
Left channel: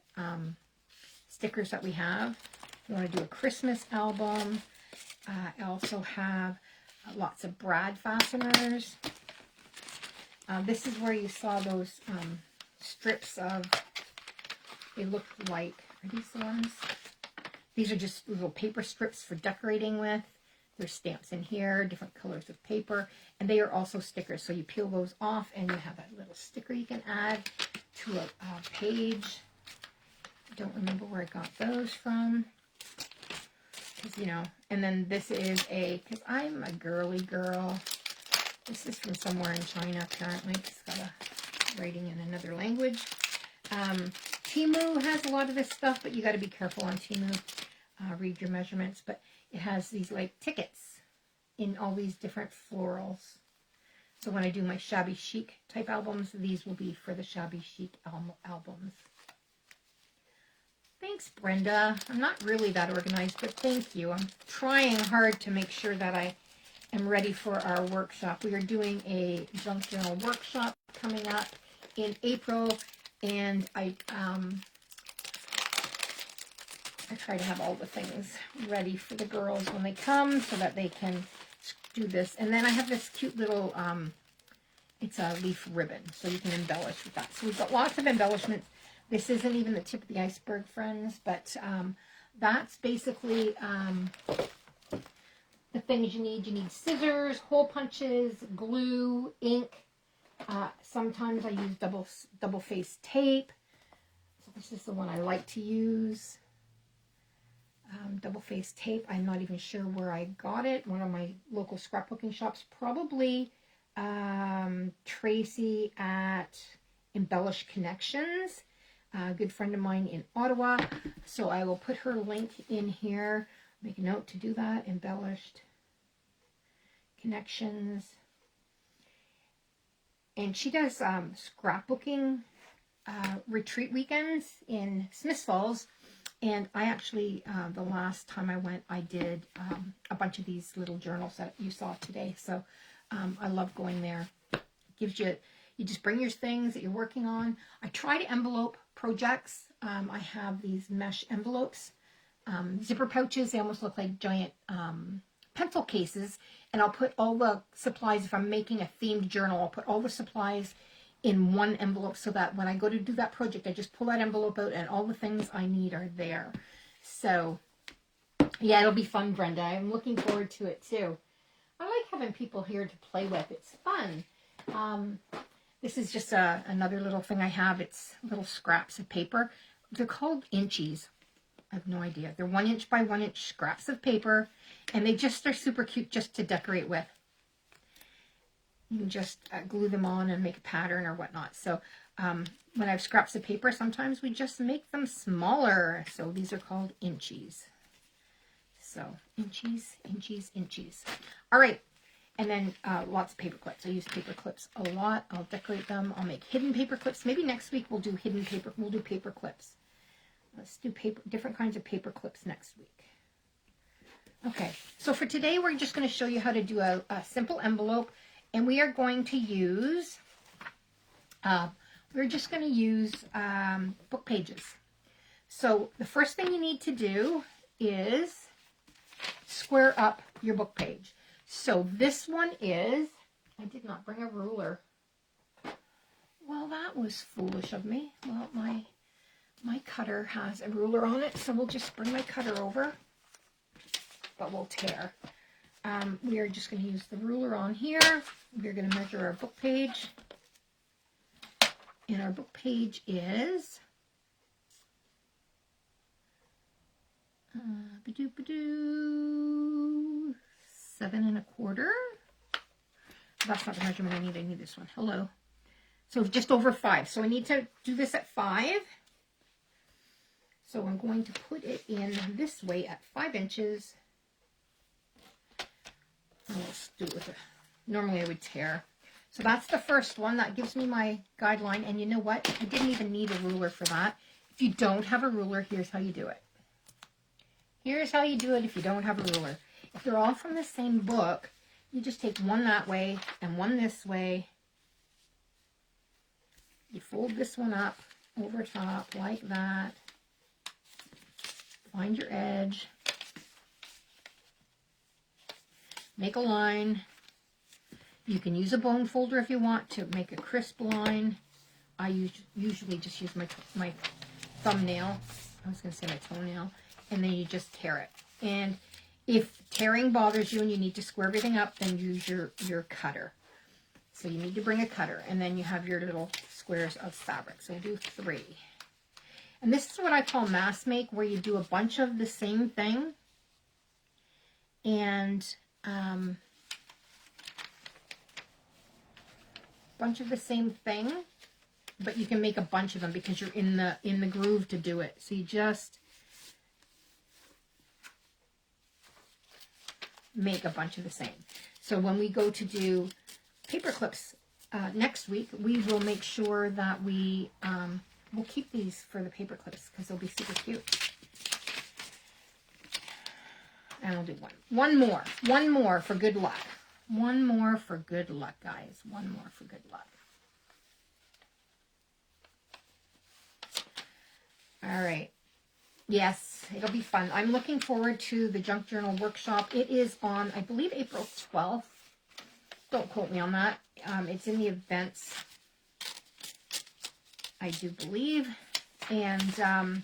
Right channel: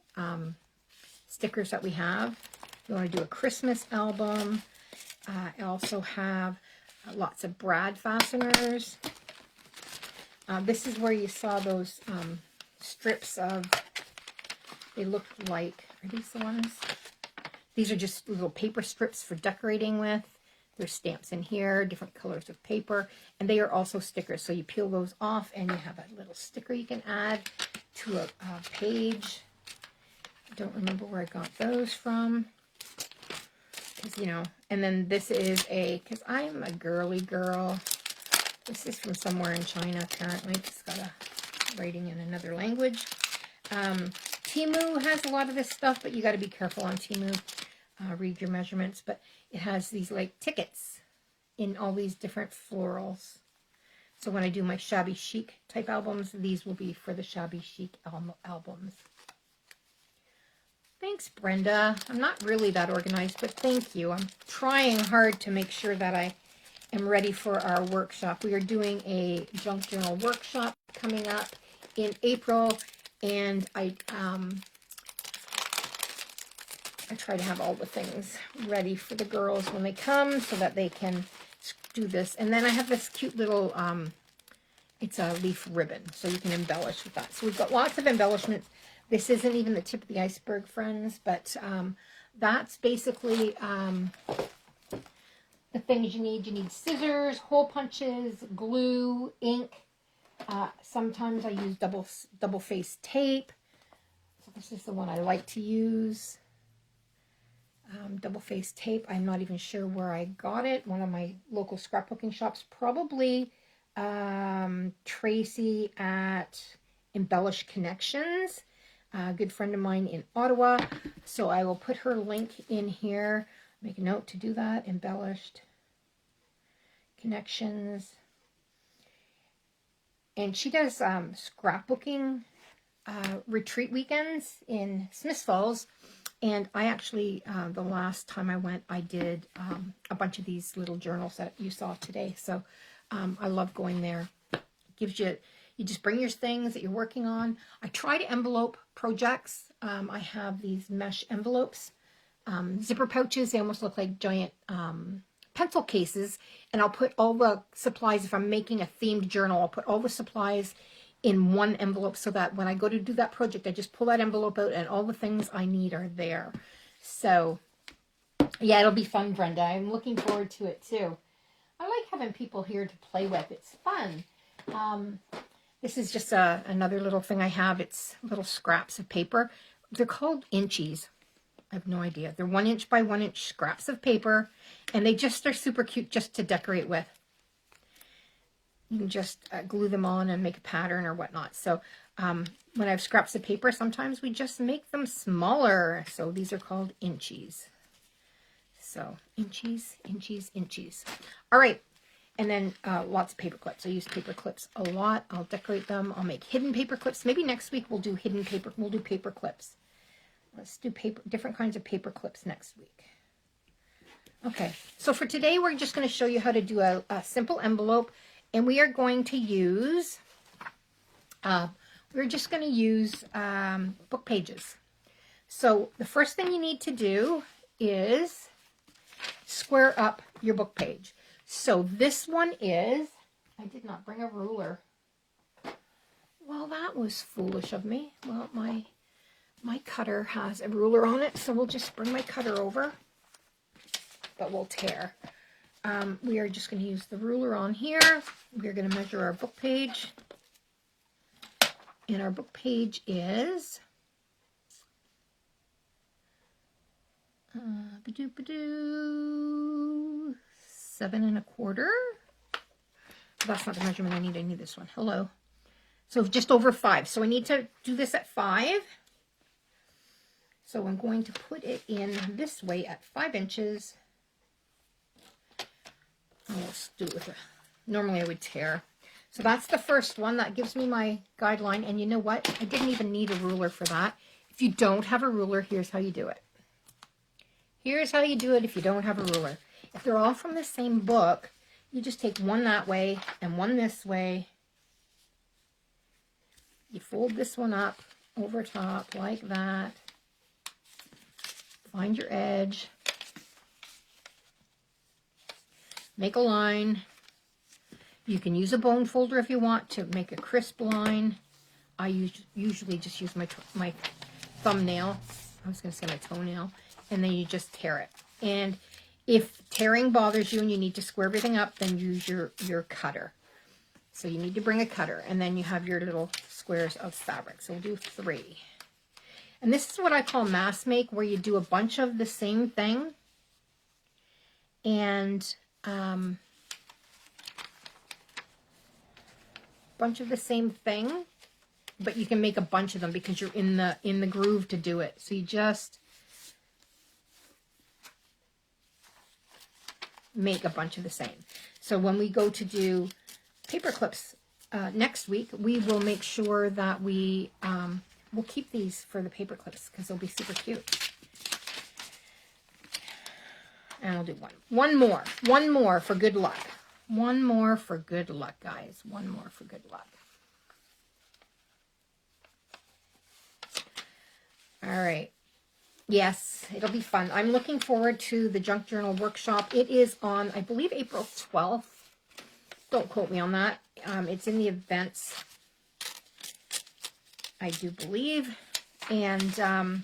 stickers that we have. You want to do a Christmas album. I also have lots of brad fasteners. This is where you saw those strips of, they look like, are these the ones? These are just little paper strips for decorating with. There's stamps in here, different colors of paper, and they are also stickers. So you peel those off and you have a little sticker you can add to a page. I don't remember where I got those from. You know, and then this is because I'm a girly girl. This is from somewhere in China, apparently. It's got a writing in another language. Temu has a lot of this stuff, but you got to be careful on Temu. Read your measurements, but it has these like tickets in all these different florals. So when I do my shabby chic type albums, these will be for the shabby chic albums. Thanks, Brenda. I'm not really that organized, but thank you. I'm trying hard to make sure that I am ready for our workshop. We are doing a junk journal workshop coming up in April, and I try to have all the things ready for the girls when they come so that they can do this. And then I have this cute little, it's a leaf ribbon, so you can embellish with that. So we've got lots of embellishments. This isn't even the tip of the iceberg, friends, but that's basically the things you need. You need scissors, hole punches, glue, ink. Sometimes I use double-faced tape. So this is the one I like to use. Double-faced tape. I'm not even sure where I got it. One of my local scrapbooking shops, probably Tracy at Embellished Connections. A good friend of mine in Ottawa. So I will put her link in here. Make a note to do that. Embellished Connections. And she does scrapbooking retreat weekends in Smiths Falls. And I actually, the last time I went, I did a bunch of these little journals that you saw today. So I love going there. Gives you, you just bring your things that you're working on. I try to envelope projects. I have these mesh envelopes, zipper pouches. They almost look like giant pencil cases. And I'll put all the supplies, if I'm making a themed journal, I'll put all the supplies in one envelope so that when I go to do that project, I just pull that envelope out and all the things I need are there. So, yeah, it'll be fun, Brenda. I'm looking forward to it, too. I like having people here to play with. It's fun. This is just another little thing I have. It's little scraps of paper. They're called inchies. I have no idea. They're 1 inch by 1 inch scraps of paper, and they just are super cute just to decorate with. You can just glue them on and make a pattern or whatnot. So when I have scraps of paper, sometimes we just make them smaller. So these are called inchies. So inchies, inchies, inchies. All right. And then lots of paper clips. I use paper clips a lot. I'll decorate them. I'll make hidden paper clips. Maybe next week we'll do hidden paper. We'll do paper clips. Let's do different kinds of paper clips next week. Okay. So for today, we're just going to show you how to do a simple envelope. And we are going to use, we're just going to use book pages. So the first thing you need to do is square up your book page. So this one is, I did not bring a ruler. Well, that was foolish of me. Well, my cutter has a ruler on it, so we'll just bring my cutter over, but we'll tear. We are just going to use the ruler on here. We're going to measure our book page. And our book page is 7 1/4. That's not the measurement I need. I need this one. Hello. So just over 5. So I need to do this at 5. So I'm going to put it in this way at 5 inches. Let's do it with it. Normally I would tear. So that's the first one. That gives me my guideline. And you know what? I didn't even need a ruler for that. If you don't have a ruler, here's how you do it. Here's how you do it if you don't have a ruler. If they're all from the same book, you just take one that way and one this way. You fold this one up over top like that. Find your edge. Make a line. You can use a bone folder if you want to make a crisp line. I usually just use my thumbnail. I was going to say my toenail. And then you just tear it. And if tearing bothers you and you need to square everything up, then use your cutter. So you need to bring a cutter. And then you have your little squares of fabric. So we'll do 3. And this is what I call mass make, where you do a bunch of the same thing. And but you can make a bunch of them because you're in the groove to do it. So you just make a bunch of the same. So when we go to do paper clips next week, we will make sure that we'll keep these for the paper clips because they'll be super cute. And I'll do one more for good luck. One more for good luck, guys. One more for good luck. All right. Yes, it'll be fun. I'm looking forward to the Junk Journal workshop. It is on, I believe, April 12th. Don't quote me on that. It's in the events, I do believe. And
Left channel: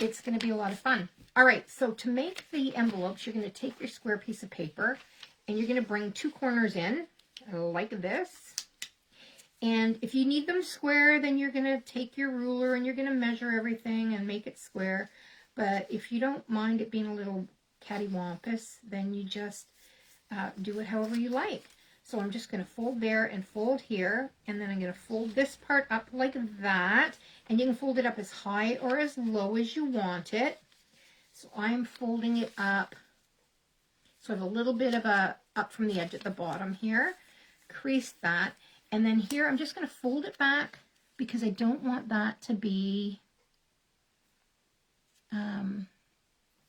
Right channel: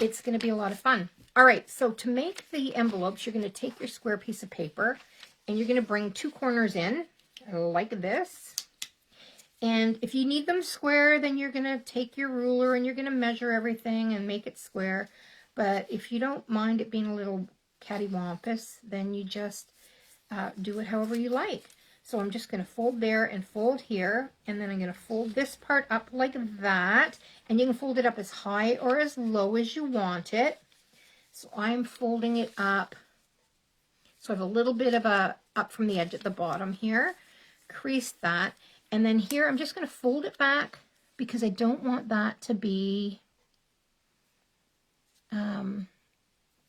it's going to be a lot of fun. All right, so to make the envelopes, you're going to take your square piece of paper and you're going to bring 2 corners in like this. And if you need them square, then you're going to take your ruler and you're going to measure everything and make it square. But if you don't mind it being a little cattywampus, then you just do it however you like. So I'm just going to fold there and fold here. And then I'm going to fold this part up like that. And you can fold it up as high or as low as you want it. So I'm folding it up. So I have a little bit of a up from the edge at the bottom here. Crease that. And then here, I'm just going to fold it back because I don't want that to be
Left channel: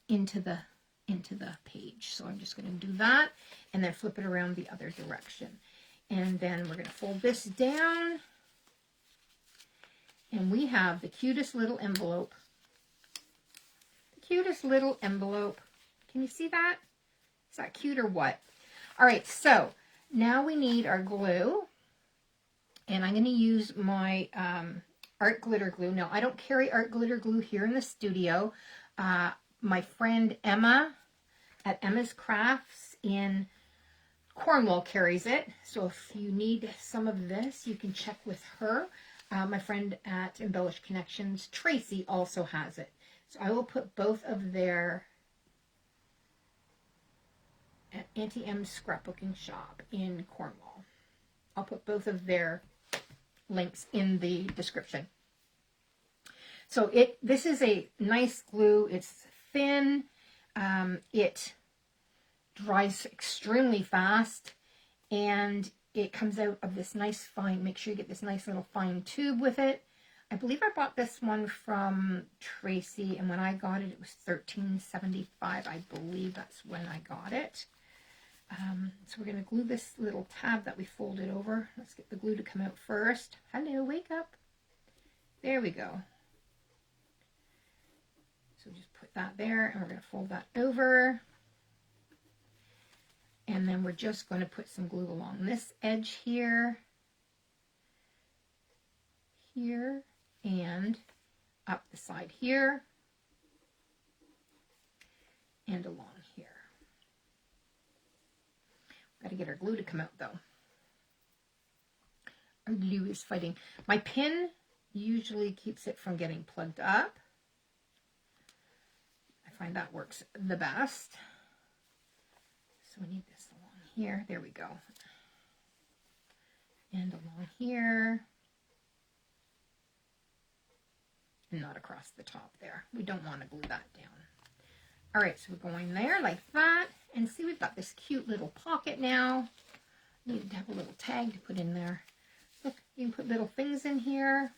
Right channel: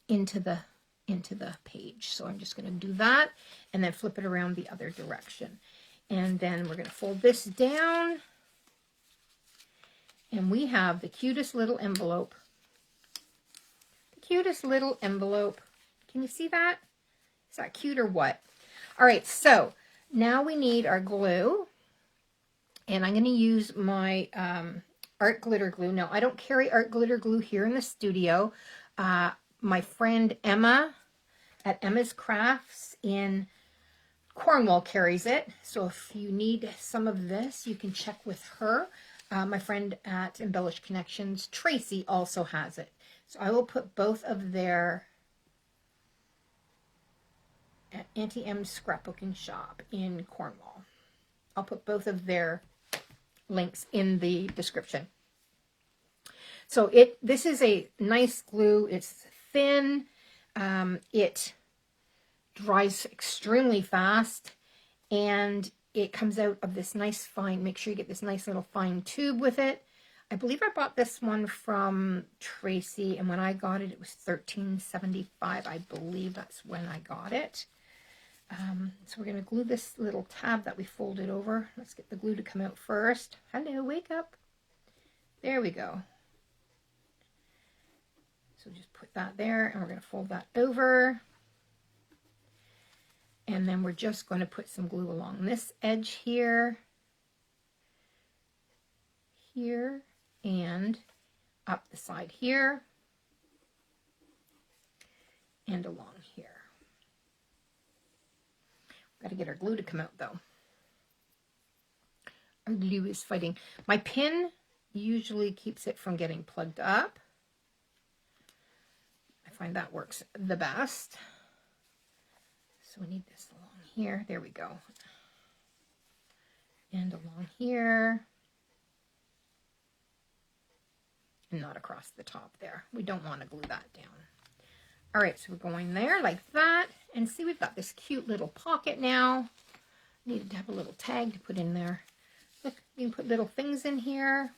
into the page. So I'm just going to do that and then flip it around the other direction. And then we're going to fold this down. And we have the cutest little envelope. The cutest little envelope. Can you see that? Is that cute or what? All right, so now we need our glue. And I'm going to use my art glitter glue. Now, I don't carry art glitter glue here in the studio. My friend Emma at Emma's Crafts in Cornwall carries it. So if you need some of this, you can check with her. My friend at Embellished Connections, Tracy, also has it. So I will put both of their Auntie M's Scrapbooking shop in Cornwall. I'll put both of their links in the description. So this is a nice glue. It's thin. It dries extremely fast, and it comes out of this nice fine, make sure you get this nice little fine tube with it. I believe I bought this one from Tracy, and when I got it, it was $13.75. I believe that's when I got it. So we're going to glue this little tab that we folded over. Let's get the glue to come out first. Hello, wake up. There we go. So just put that there, and we're going to fold that over. And then we're just going to put some glue along this edge here, here, and up the side here, and along here. Got to get our glue to come out, though. Our glue is fighting. My pin usually keeps it from getting plugged up. I find that works the best. So we need this along here. There we go. And along here. And not across the top there. We don't want to glue that down. All right, so we're going there like that. And see, we've got this cute little pocket now. Need to have a little tag to put in there. Look, you can put little things in here.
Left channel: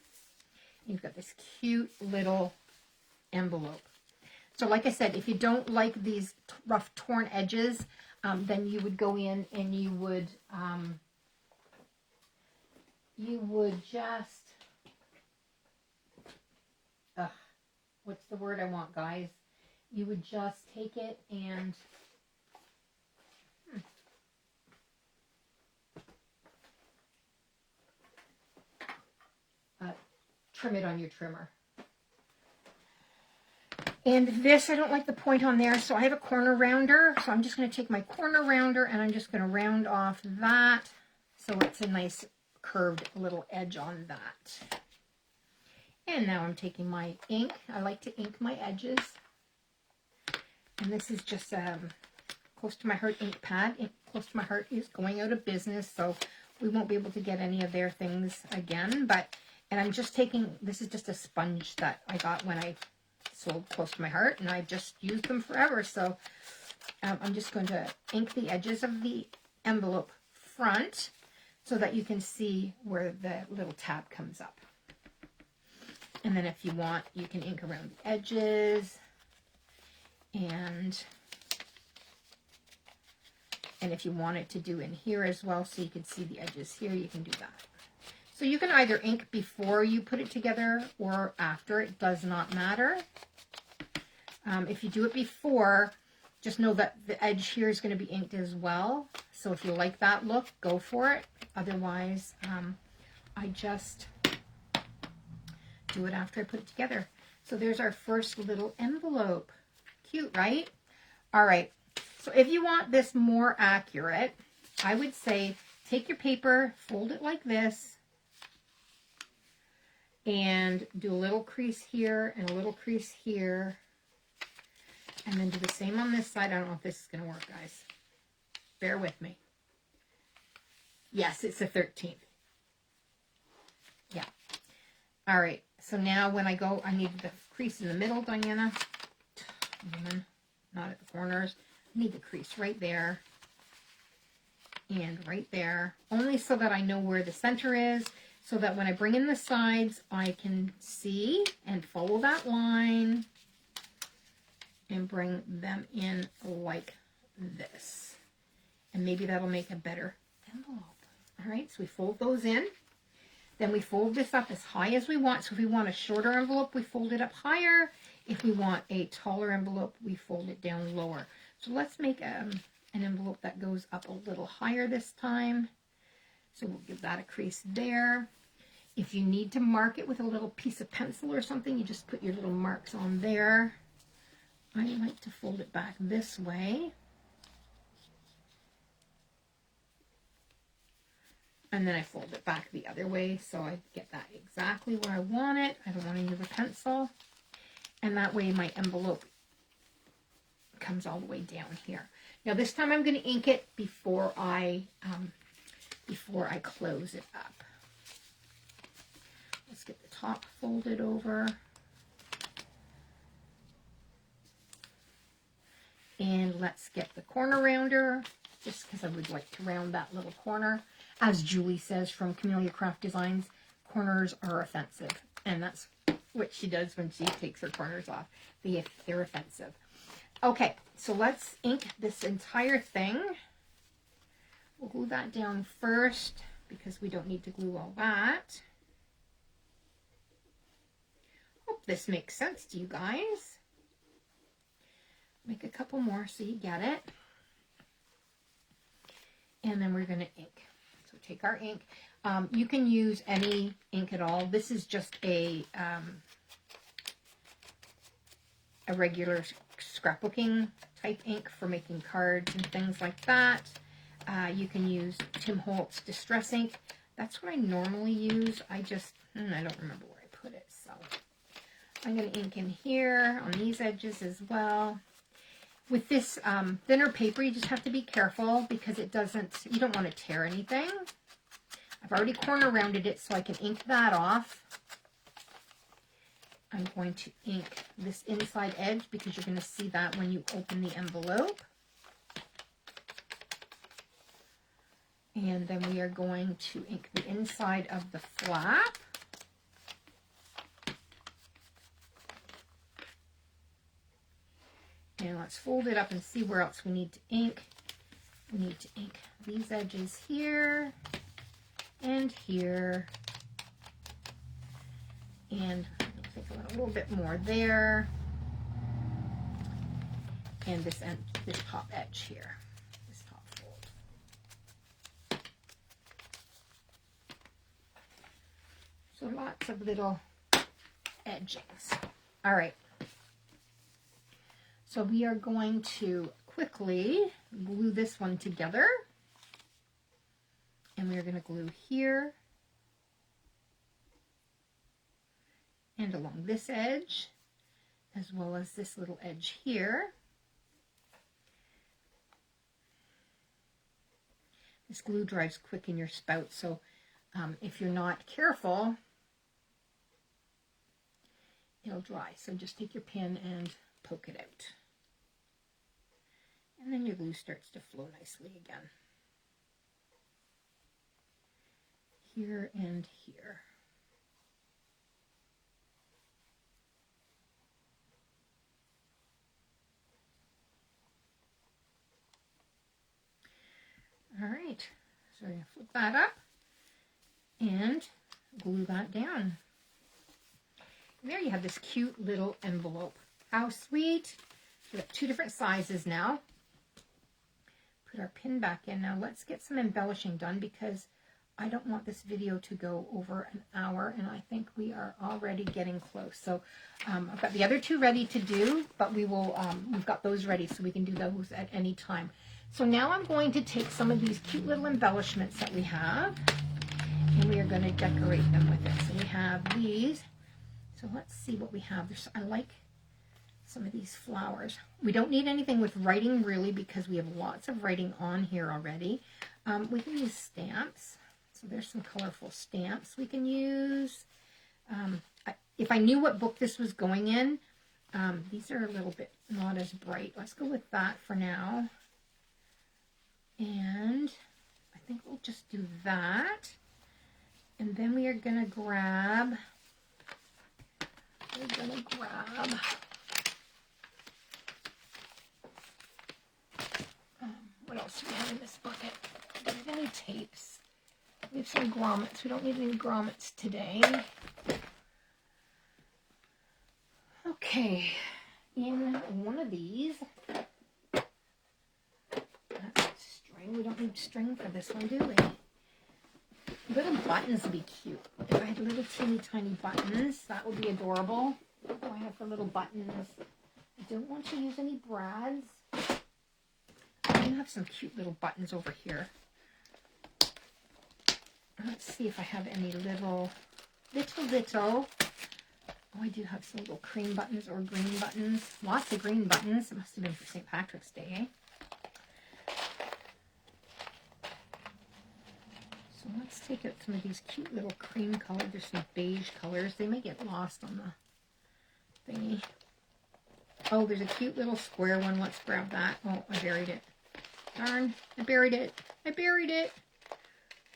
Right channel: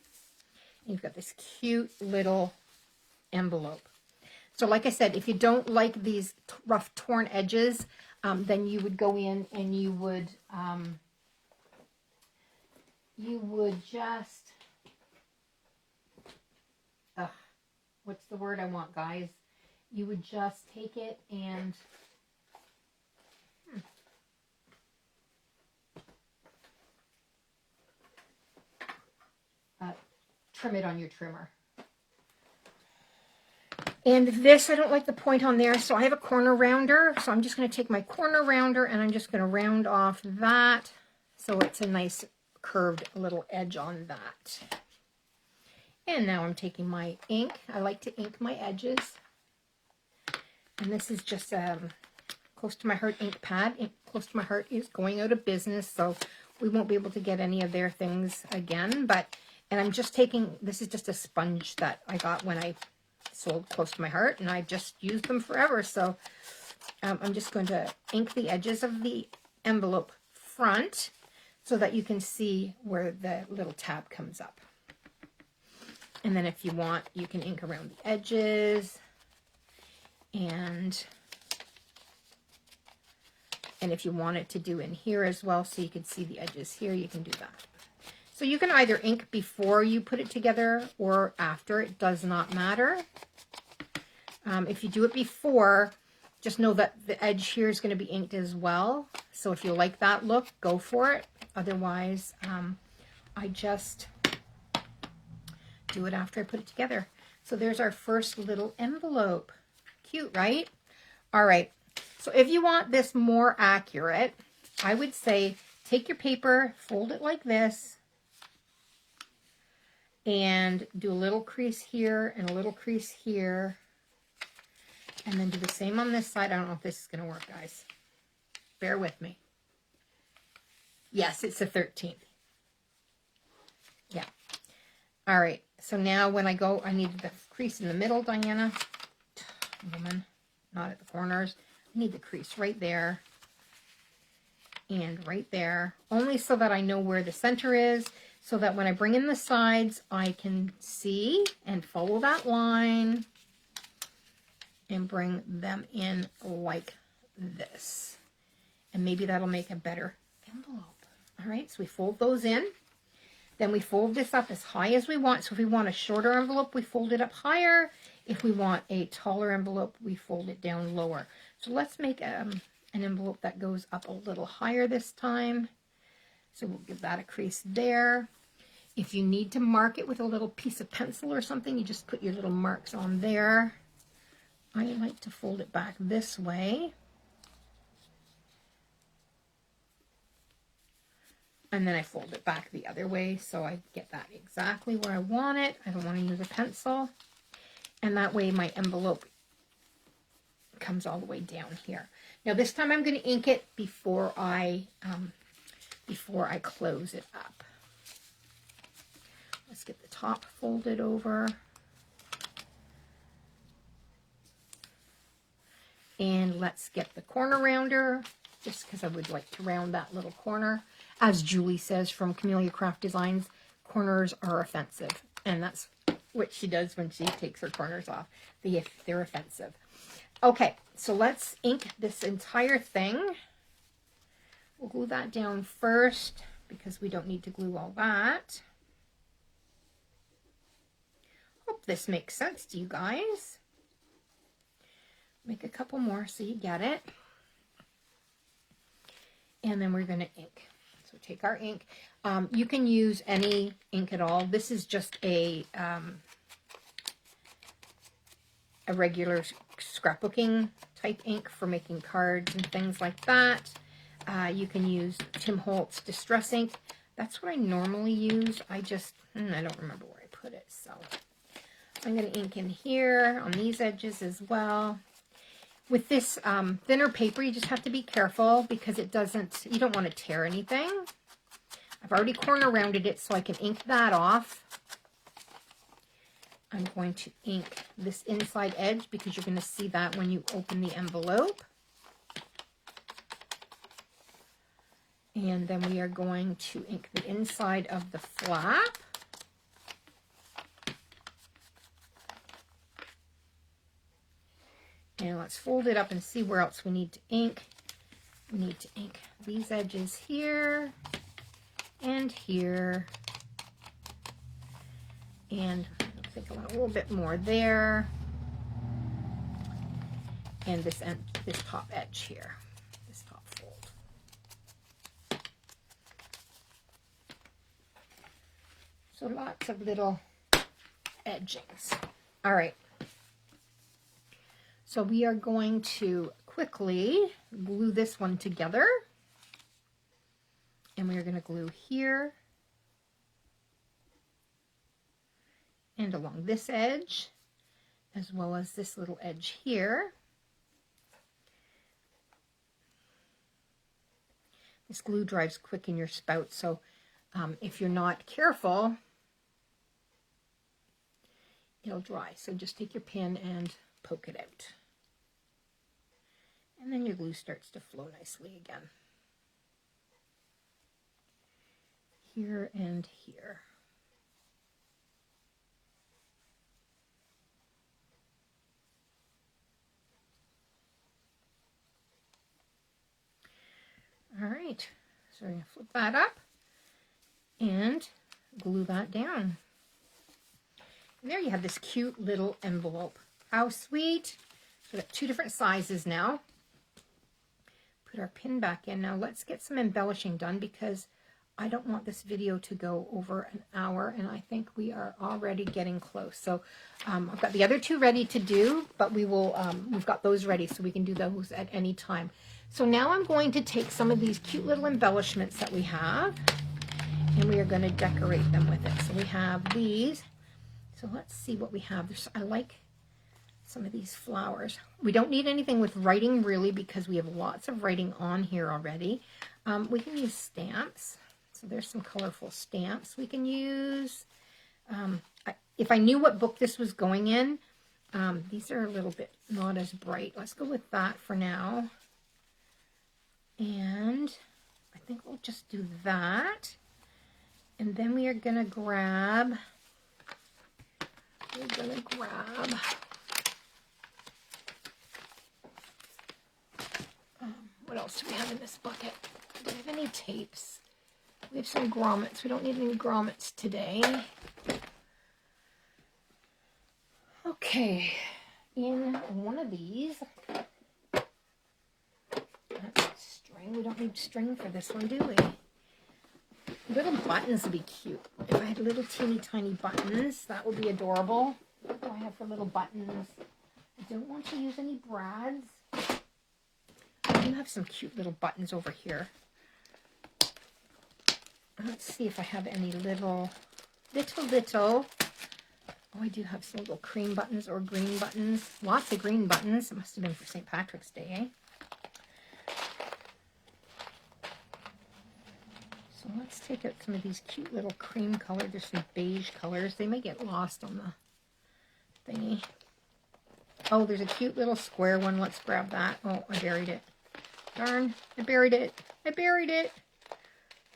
You've got this cute little envelope. So like I said, if you don't like these rough torn edges, then you would go in and you would just, what's the word I want, guys? You would just take it and trim it on your trimmer. And this, I don't like the point on there, so I have a corner rounder. So I'm just going to take my corner rounder and I'm just going to round off that so it's a nice curved little edge on that. And now I'm taking my ink. I like to ink my edges. And this is just Close to My Heart ink pad. Close to My Heart is going out of business, so we won't be able to get any of their things again. And I'm just taking, this is just a sponge that I got when I sold Close to My Heart, and I just used them forever. So I'm just going to ink the edges of the envelope front so that you can see where the little tab comes up. And then if you want, you can ink around the edges, and if you want it to do in here as well, so you can see the edges here, you can do that. So you can either ink before you put it together or after. It does not matter. If you do it before, just know that the edge here is going to be inked as well. So if you like that look, go for it. Otherwise, I just do it after I put it together. So there's our first little envelope. Cute, right? All right. So if you want this more accurate, I would say take your paper, fold it like this, and do a little crease here and a little crease here. And then do the same on this side. I don't know if this is going to work, guys. Bear with me. Yes, it's the 13th. Yeah. All right. So now when I go, I need the crease in the middle, Diana. Woman, not at the corners. I need the crease right there and right there. Only so that I know where the center is, so that when I bring in the sides, I can see and follow that line and bring them in like this. And maybe that'll make a better envelope. All right, so we fold those in. Then we fold this up as high as we want. So if we want a shorter envelope, we fold it up higher. If we want a taller envelope, we fold it down lower. So let's make an envelope that goes up a little higher this time. So we'll give that a crease there. If you need to mark it with a little piece of pencil or something, you just put your little marks on there. I like to fold it back this way. And then I fold it back the other way so I get that exactly where I want it. I don't want to use a pencil. And that way my envelope comes all the way down here. Now this time I'm going to ink it before I close it up. Let's get the top folded over. And let's get the corner rounder, just because I would like to round that little corner. As Julie says from Camellia Craft Designs, corners are offensive. And that's what she does when she takes her corners off. They're offensive. Okay, so let's ink this entire thing. We'll glue that down first because we don't need to glue all that. Hope this makes sense to you guys. Make a couple more so you get it. And then we're going to ink. So take our ink. You can use any ink at all. This is just a regular scrapbooking type ink for making cards and things like that. You can use Tim Holtz Distress ink. That's what I normally use. I don't remember where I put it. So I'm going to ink in here on these edges as well. With this thinner paper, you just have to be careful because you don't want to tear anything. I've already corner rounded it so I can ink that off. I'm going to ink this inside edge because you're going to see that when you open the envelope. And then we are going to ink the inside of the flap. And let's fold it up and see where else we need to ink. We need to ink these edges here and here. And I think I want a little bit more there. And this top edge here, this top fold. So lots of little edgings. All right. So we are going to quickly glue this one together. And we are going to glue here and along this edge, as well as this little edge here. This glue dries quick in your spout, so if you're not careful, it'll dry. So just take your pin and poke it out. And then your glue starts to flow nicely again. Here and here. All right, so I'm going to flip that up and glue that down. And there you have this cute little envelope. How sweet. So we've got 2 different sizes now. Put our pin back in. Now let's get some embellishing done because I don't want this video to go over an hour, and I think we are already getting close. So I've got the other 2 ready to do, but we will, we've got those ready so we can do those at any time. So now I'm going to take some of these cute little embellishments that we have, and we are going to decorate them with it. So we have these. So let's see what we have. I like some of these flowers. We don't need anything with writing really because we have lots of writing on here already. We can use stamps. So there's some colorful stamps we can use. If I knew what book this was going in, these are a little bit not as bright. Let's go with that for now. And I think we'll just do that. And then we are going to grab, what else do we have in this bucket? Do we have any tapes? We have some grommets. We don't need any grommets today. Okay, in one of these, that's string. We don't need string for this one, do we? Little buttons would be cute. If I had little teeny tiny buttons, that would be adorable. What do I have for little buttons? I don't want to use any brads. I do have some cute little buttons over here. Let's see if I have any little. Oh, I do have some little cream buttons or green buttons. Lots of green buttons. It must have been for St. Patrick's Day, eh? So let's take out some of these cute little cream colors. There's some beige colors. They may get lost on the thingy. Oh, there's a cute little square one. Let's grab that. Oh, I buried it. Darn, I buried it.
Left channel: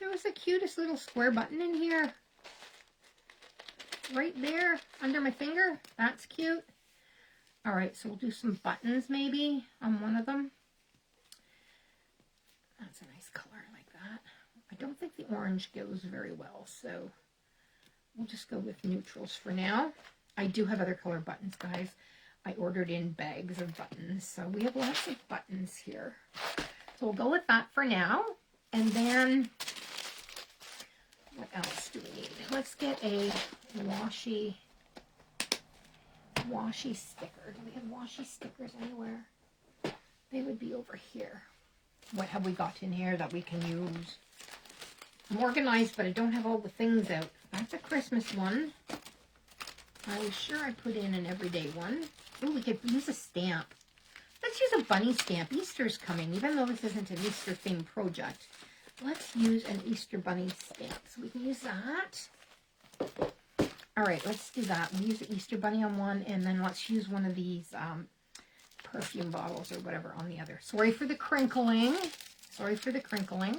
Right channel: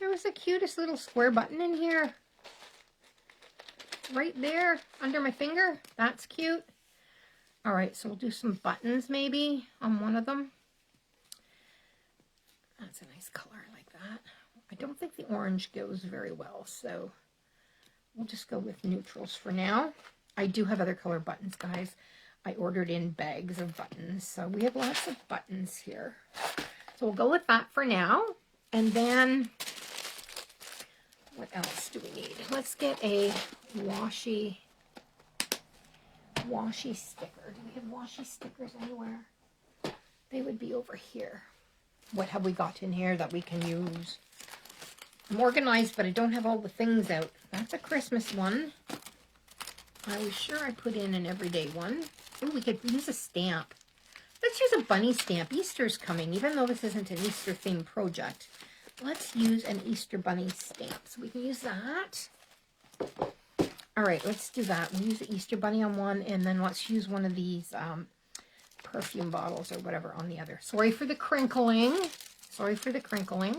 There was the cutest little square button in here. Right there, under my finger. That's cute. All right, so we'll do some buttons maybe on one of them. That's a nice color, I like that. I don't think the orange goes very well, so we'll just go with neutrals for now. I do have other color buttons, guys. I ordered in bags of buttons, so we have lots of buttons here. So we'll go with that for now. And then, what else do we need? Let's get a washi sticker. Do we have washi stickers anywhere? They would be over here. What have we got in here that we can use? I'm organized, but I don't have all the things out. That's a Christmas one. I was sure I put in an everyday one. Oh, we could use a stamp. Let's use a bunny stamp. Easter's coming, even though this isn't an Easter themed project. Let's use an Easter bunny stamp. So we can use that. All right, let's do that. We'll use the Easter Bunny on one, and then let's use one of these perfume bottles or whatever on the other. Sorry for the crinkling. Sorry for the crinkling.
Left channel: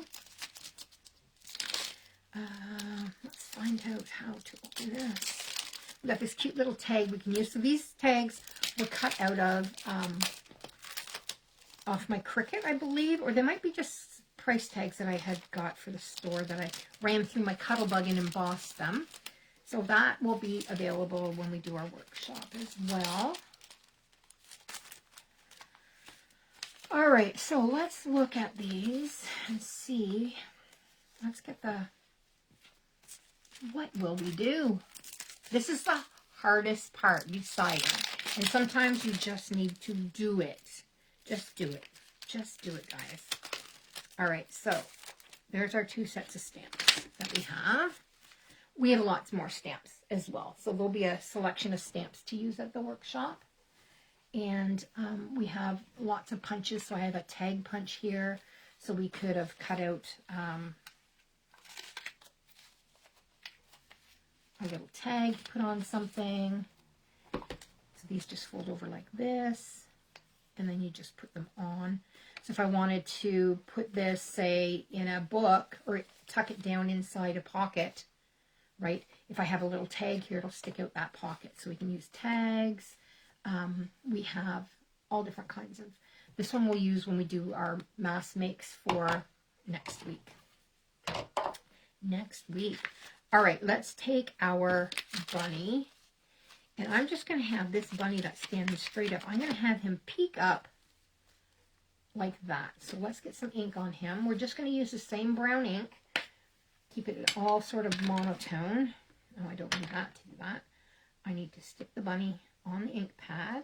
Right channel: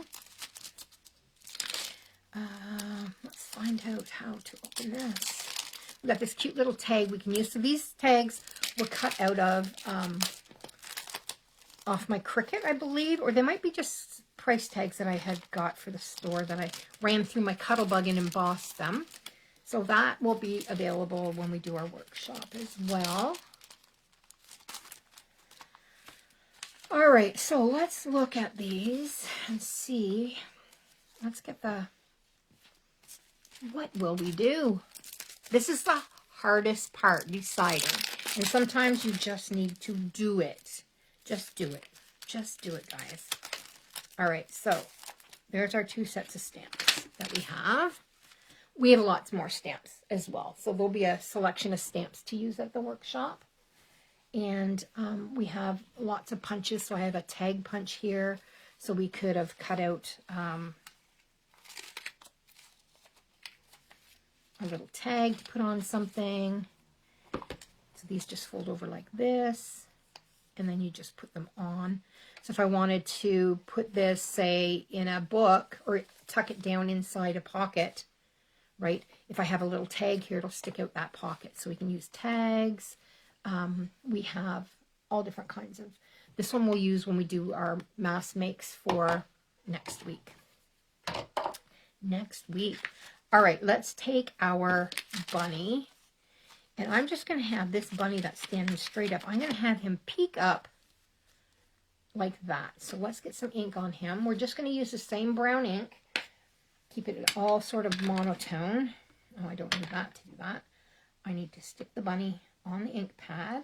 Let's find out how to open this. We got this cute little tag we can use. So these tags were cut out of off my Cricut, I believe, or they might be just price tags that I had got for the store that I ran through my Cuttlebug and embossed them. So that will be available when we do our workshop as well. All right, so let's look at these and see. Let's get the, what will we do? This is the hardest part, deciding. And sometimes you just need to do it. Just do it. Just do it, guys. All right, so there's our 2 sets of stamps that we have. We have lots more stamps as well. So there'll be a selection of stamps to use at the workshop. And we have lots of punches. So I have a tag punch here. So we could have cut out a little tag to put on something. So these just fold over like this. And then you just put them on. So if I wanted to put this, say, in a book or tuck it down inside a pocket, right? If I have a little tag here, it'll stick out that pocket. So we can use tags. We have all different kinds of, this one we'll use when we do our mass makes for next week. Next week. All right, let's take our bunny. And I'm just going to have this bunny that's standing straight up. I'm going to have him peek up like that. So let's get some ink on him. We're just going to use the same brown ink. Keep it all sort of monotone. Oh, I don't need that to do that. I need to stick the bunny on the ink pad.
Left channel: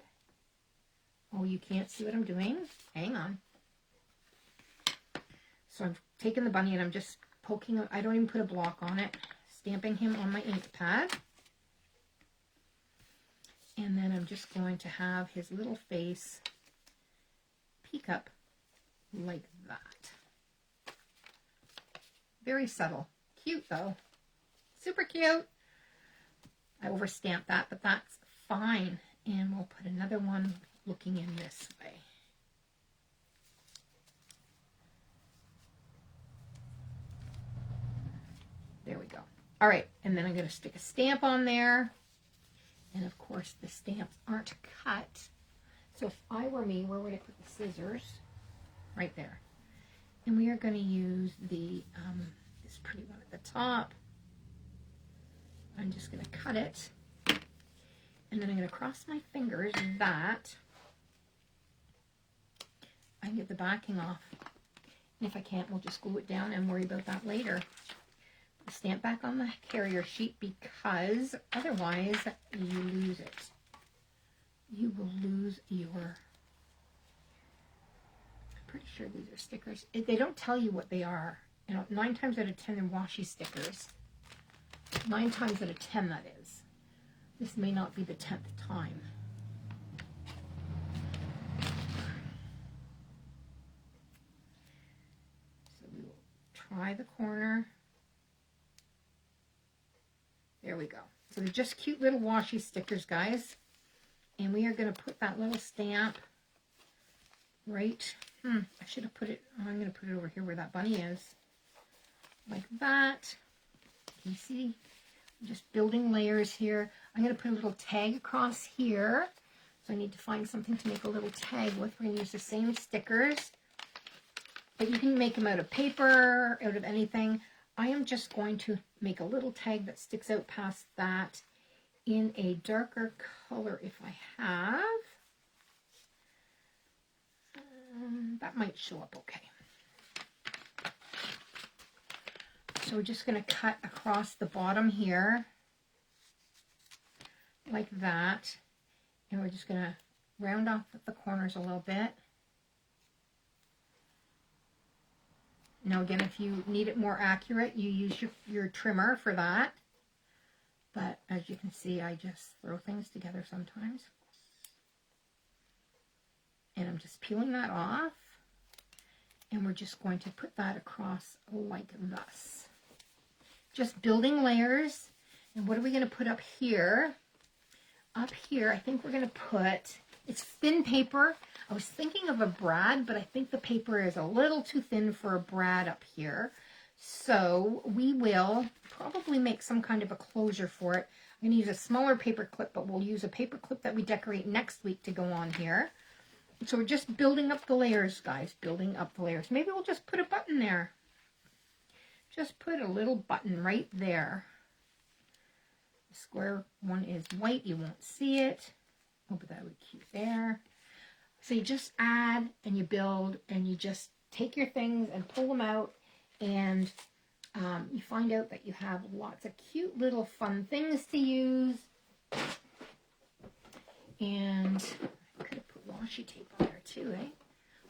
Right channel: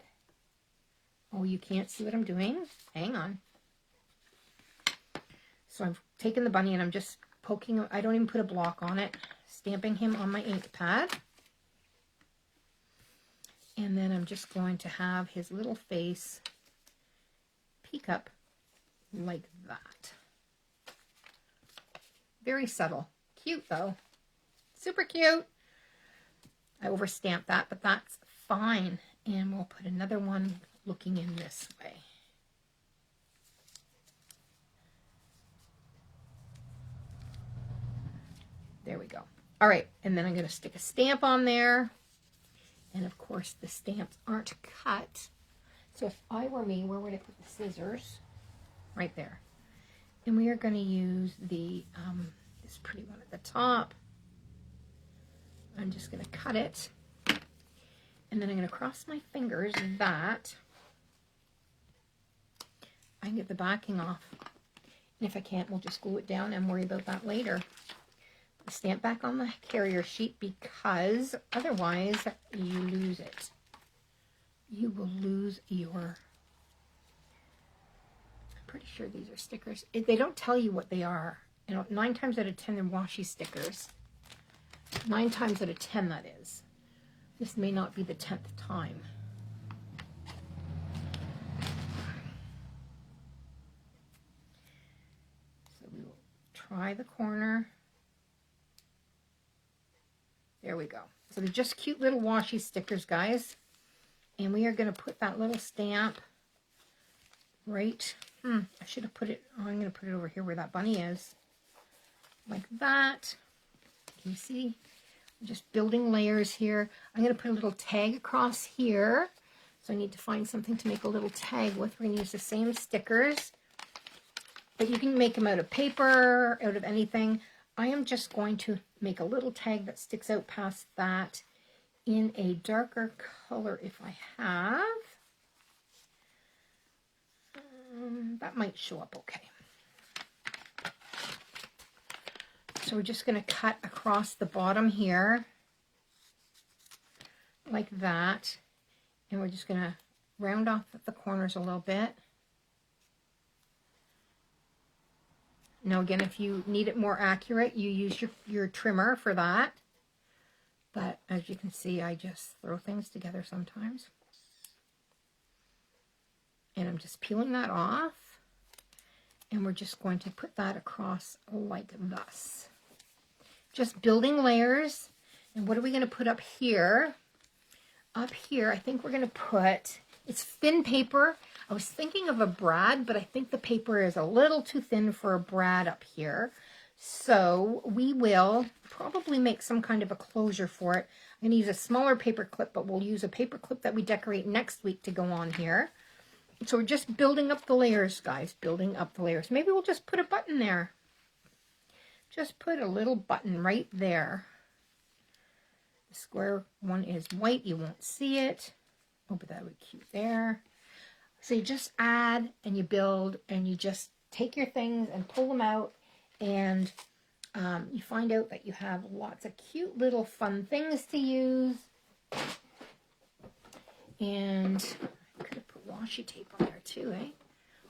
Oh, you can't see what I'm doing. Hang on. So I've taken the bunny and I'm just poking. I don't even put a block on it. Stamping him on my ink pad. And then I'm just going to have his little face peek up like that. Very subtle. Cute though. Super cute. I overstamped that, but that's fine. And we'll put another one looking in this way. There we go. All right, and then I'm going to stick a stamp on there. And of course, the stamps aren't cut. So if I were me, where would I put the scissors? Right there. And we are going to use the this pretty one at the top. I'm just going to cut it. And then I'm going to cross my fingers that I can get the backing off. And if I can't, we'll just glue it down and worry about that later. Stamp back on the carrier sheet because otherwise you lose it. You will lose your... I'm pretty sure these are stickers. They don't tell you what they are. You know, 9 times out of 10 they're washi stickers. 9 times out of 10 that is. This may not be the 10th time. So we will try the corner. There we go. So they're just cute little washi stickers, guys. And we are going to put that little stamp right. I should have put it, I'm going to put it over here where that bunny is. Like that. You see? I'm just building layers here. I'm going to put a little tag across here. So I need to find something to make a little tag with. We're going to use the same stickers. But you can make them out of paper, out of anything. I am just going to make a little tag that sticks out past that in a darker color if I have. That might show up okay. So we're just going to cut across the bottom here like that. And we're just going to round off at the corners a little bit. Now again, if you need it more accurate, you use your trimmer for that. But as you can see, I just throw things together sometimes. And I'm just peeling that off. And we're just going to put that across like this. Just building layers. And what are we going to put up here? Up here, I think we're going to put, it's thin paper. I was thinking of a brad, but I think the paper is a little too thin for a brad up here. So we will probably make some kind of a closure for it. I'm going to use a smaller paper clip, but we'll use a paper clip that we decorate next week to go on here. So we're just building up the layers, guys, building up the layers. Maybe we'll just put a button there. Just put a little button right there. The square one is white. You won't see it. Oh, but that would be cute there. So you just add and you build and you just take your things and pull them out, and you find out that you have lots of cute little fun things to use. And I could have put washi tape on there too, eh?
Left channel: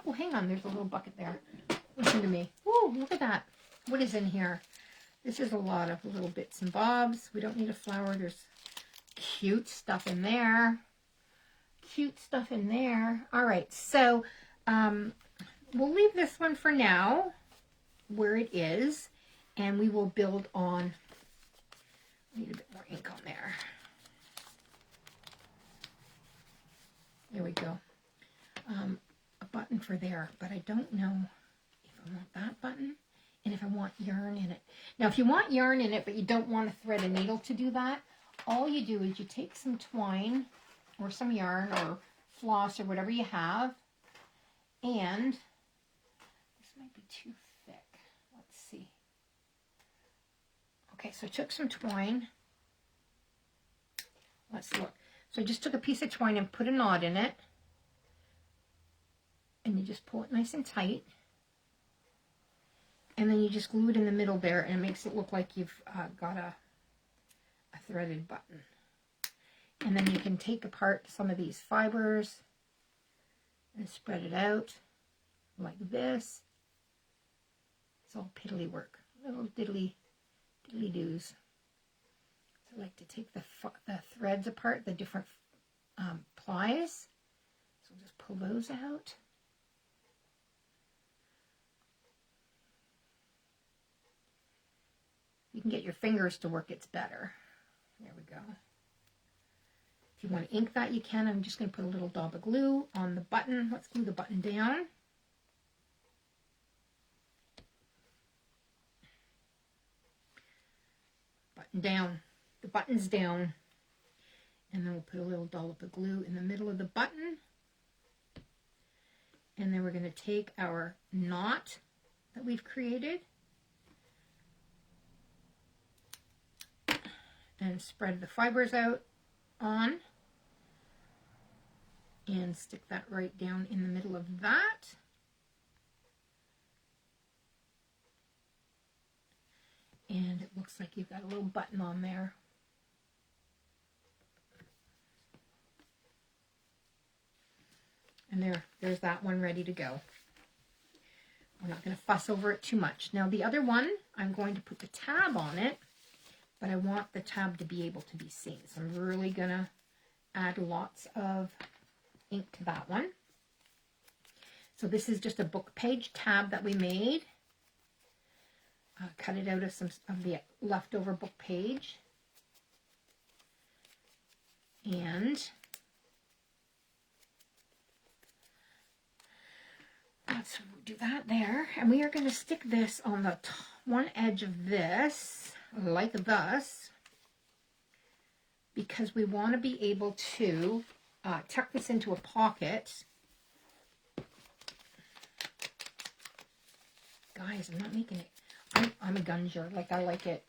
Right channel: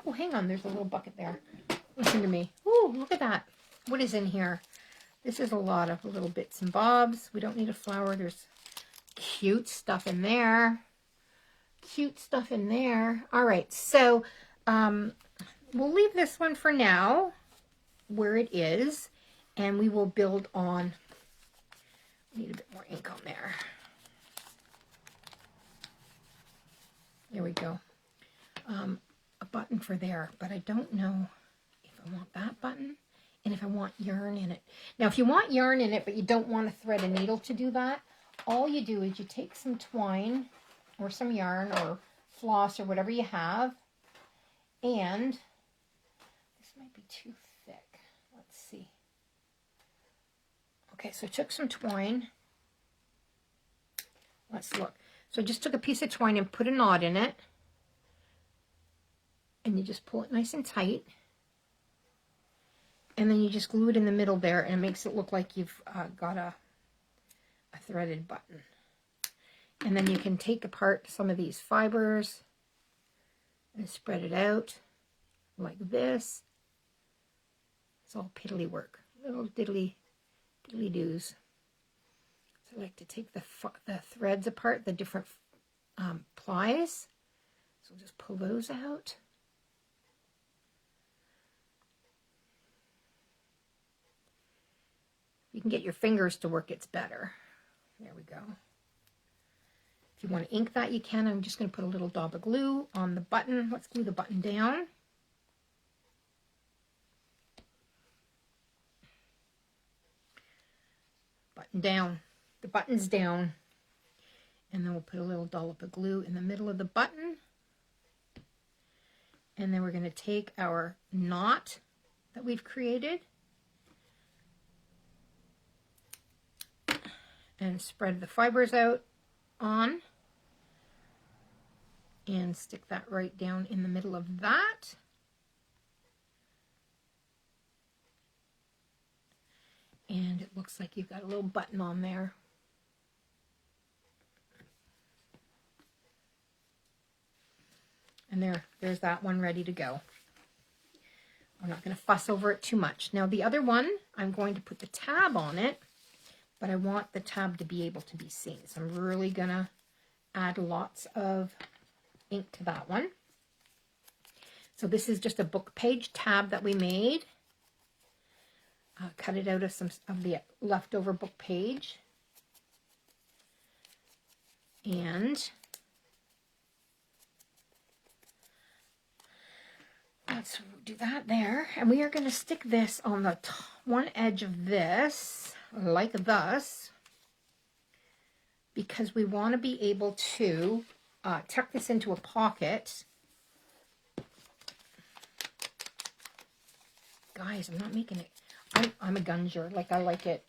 Oh, hang on, there's a little bucket there. Listen to me. Oh, look at that. What is in here? This is a lot of little bits and bobs. We don't need a flower. There's cute stuff in there. Cute stuff in there. All right, so we'll leave this one for now where it is, and we will build on. Need a bit more ink on there. There we go. A button for there, but I don't know if I want that button and if I want yarn in it. Now, if you want yarn in it, but you don't want to thread a needle to do that, all you do is you take some twine or some yarn or floss or whatever you have, and this might be too thick. Let's see. Okay, so I took some twine. Let's look. So I just took a piece of twine and put a knot in it, and you just pull it nice and tight, and then you just glue it in the middle there, and it makes it look like you've got a threaded button. And then you can take apart some of these fibers and spread it out like this. It's all piddly work, little diddly doos. So I like to take the threads apart, the different plies. So just pull those out. You can get your fingers to work, it's better. There we go. If you want to ink that, you can. I'm just going to put a little dab of glue on the button. Let's glue the button down. Button down. The button's down. And then we'll put a little dollop of glue in the middle of the button. And then we're going to take our knot that we've created and spread the fibers out on and stick that right down in the middle of that. And it looks like you've got a little button on there. And there's that one ready to go. We're not going to fuss over it too much. Now the other one, I'm going to put the tab on it, but I want the tab to be able to be seen. So I'm really going to add lots of ink to that one. So this is just a book page tab that we made. Cut it out of some of the leftover book page. And let's do that there. And we are going to stick this on the one edge of this, like thus, because we want to be able to tuck this into a pocket. Guys, I'm not making it. I'm a gunger. Like, I like it.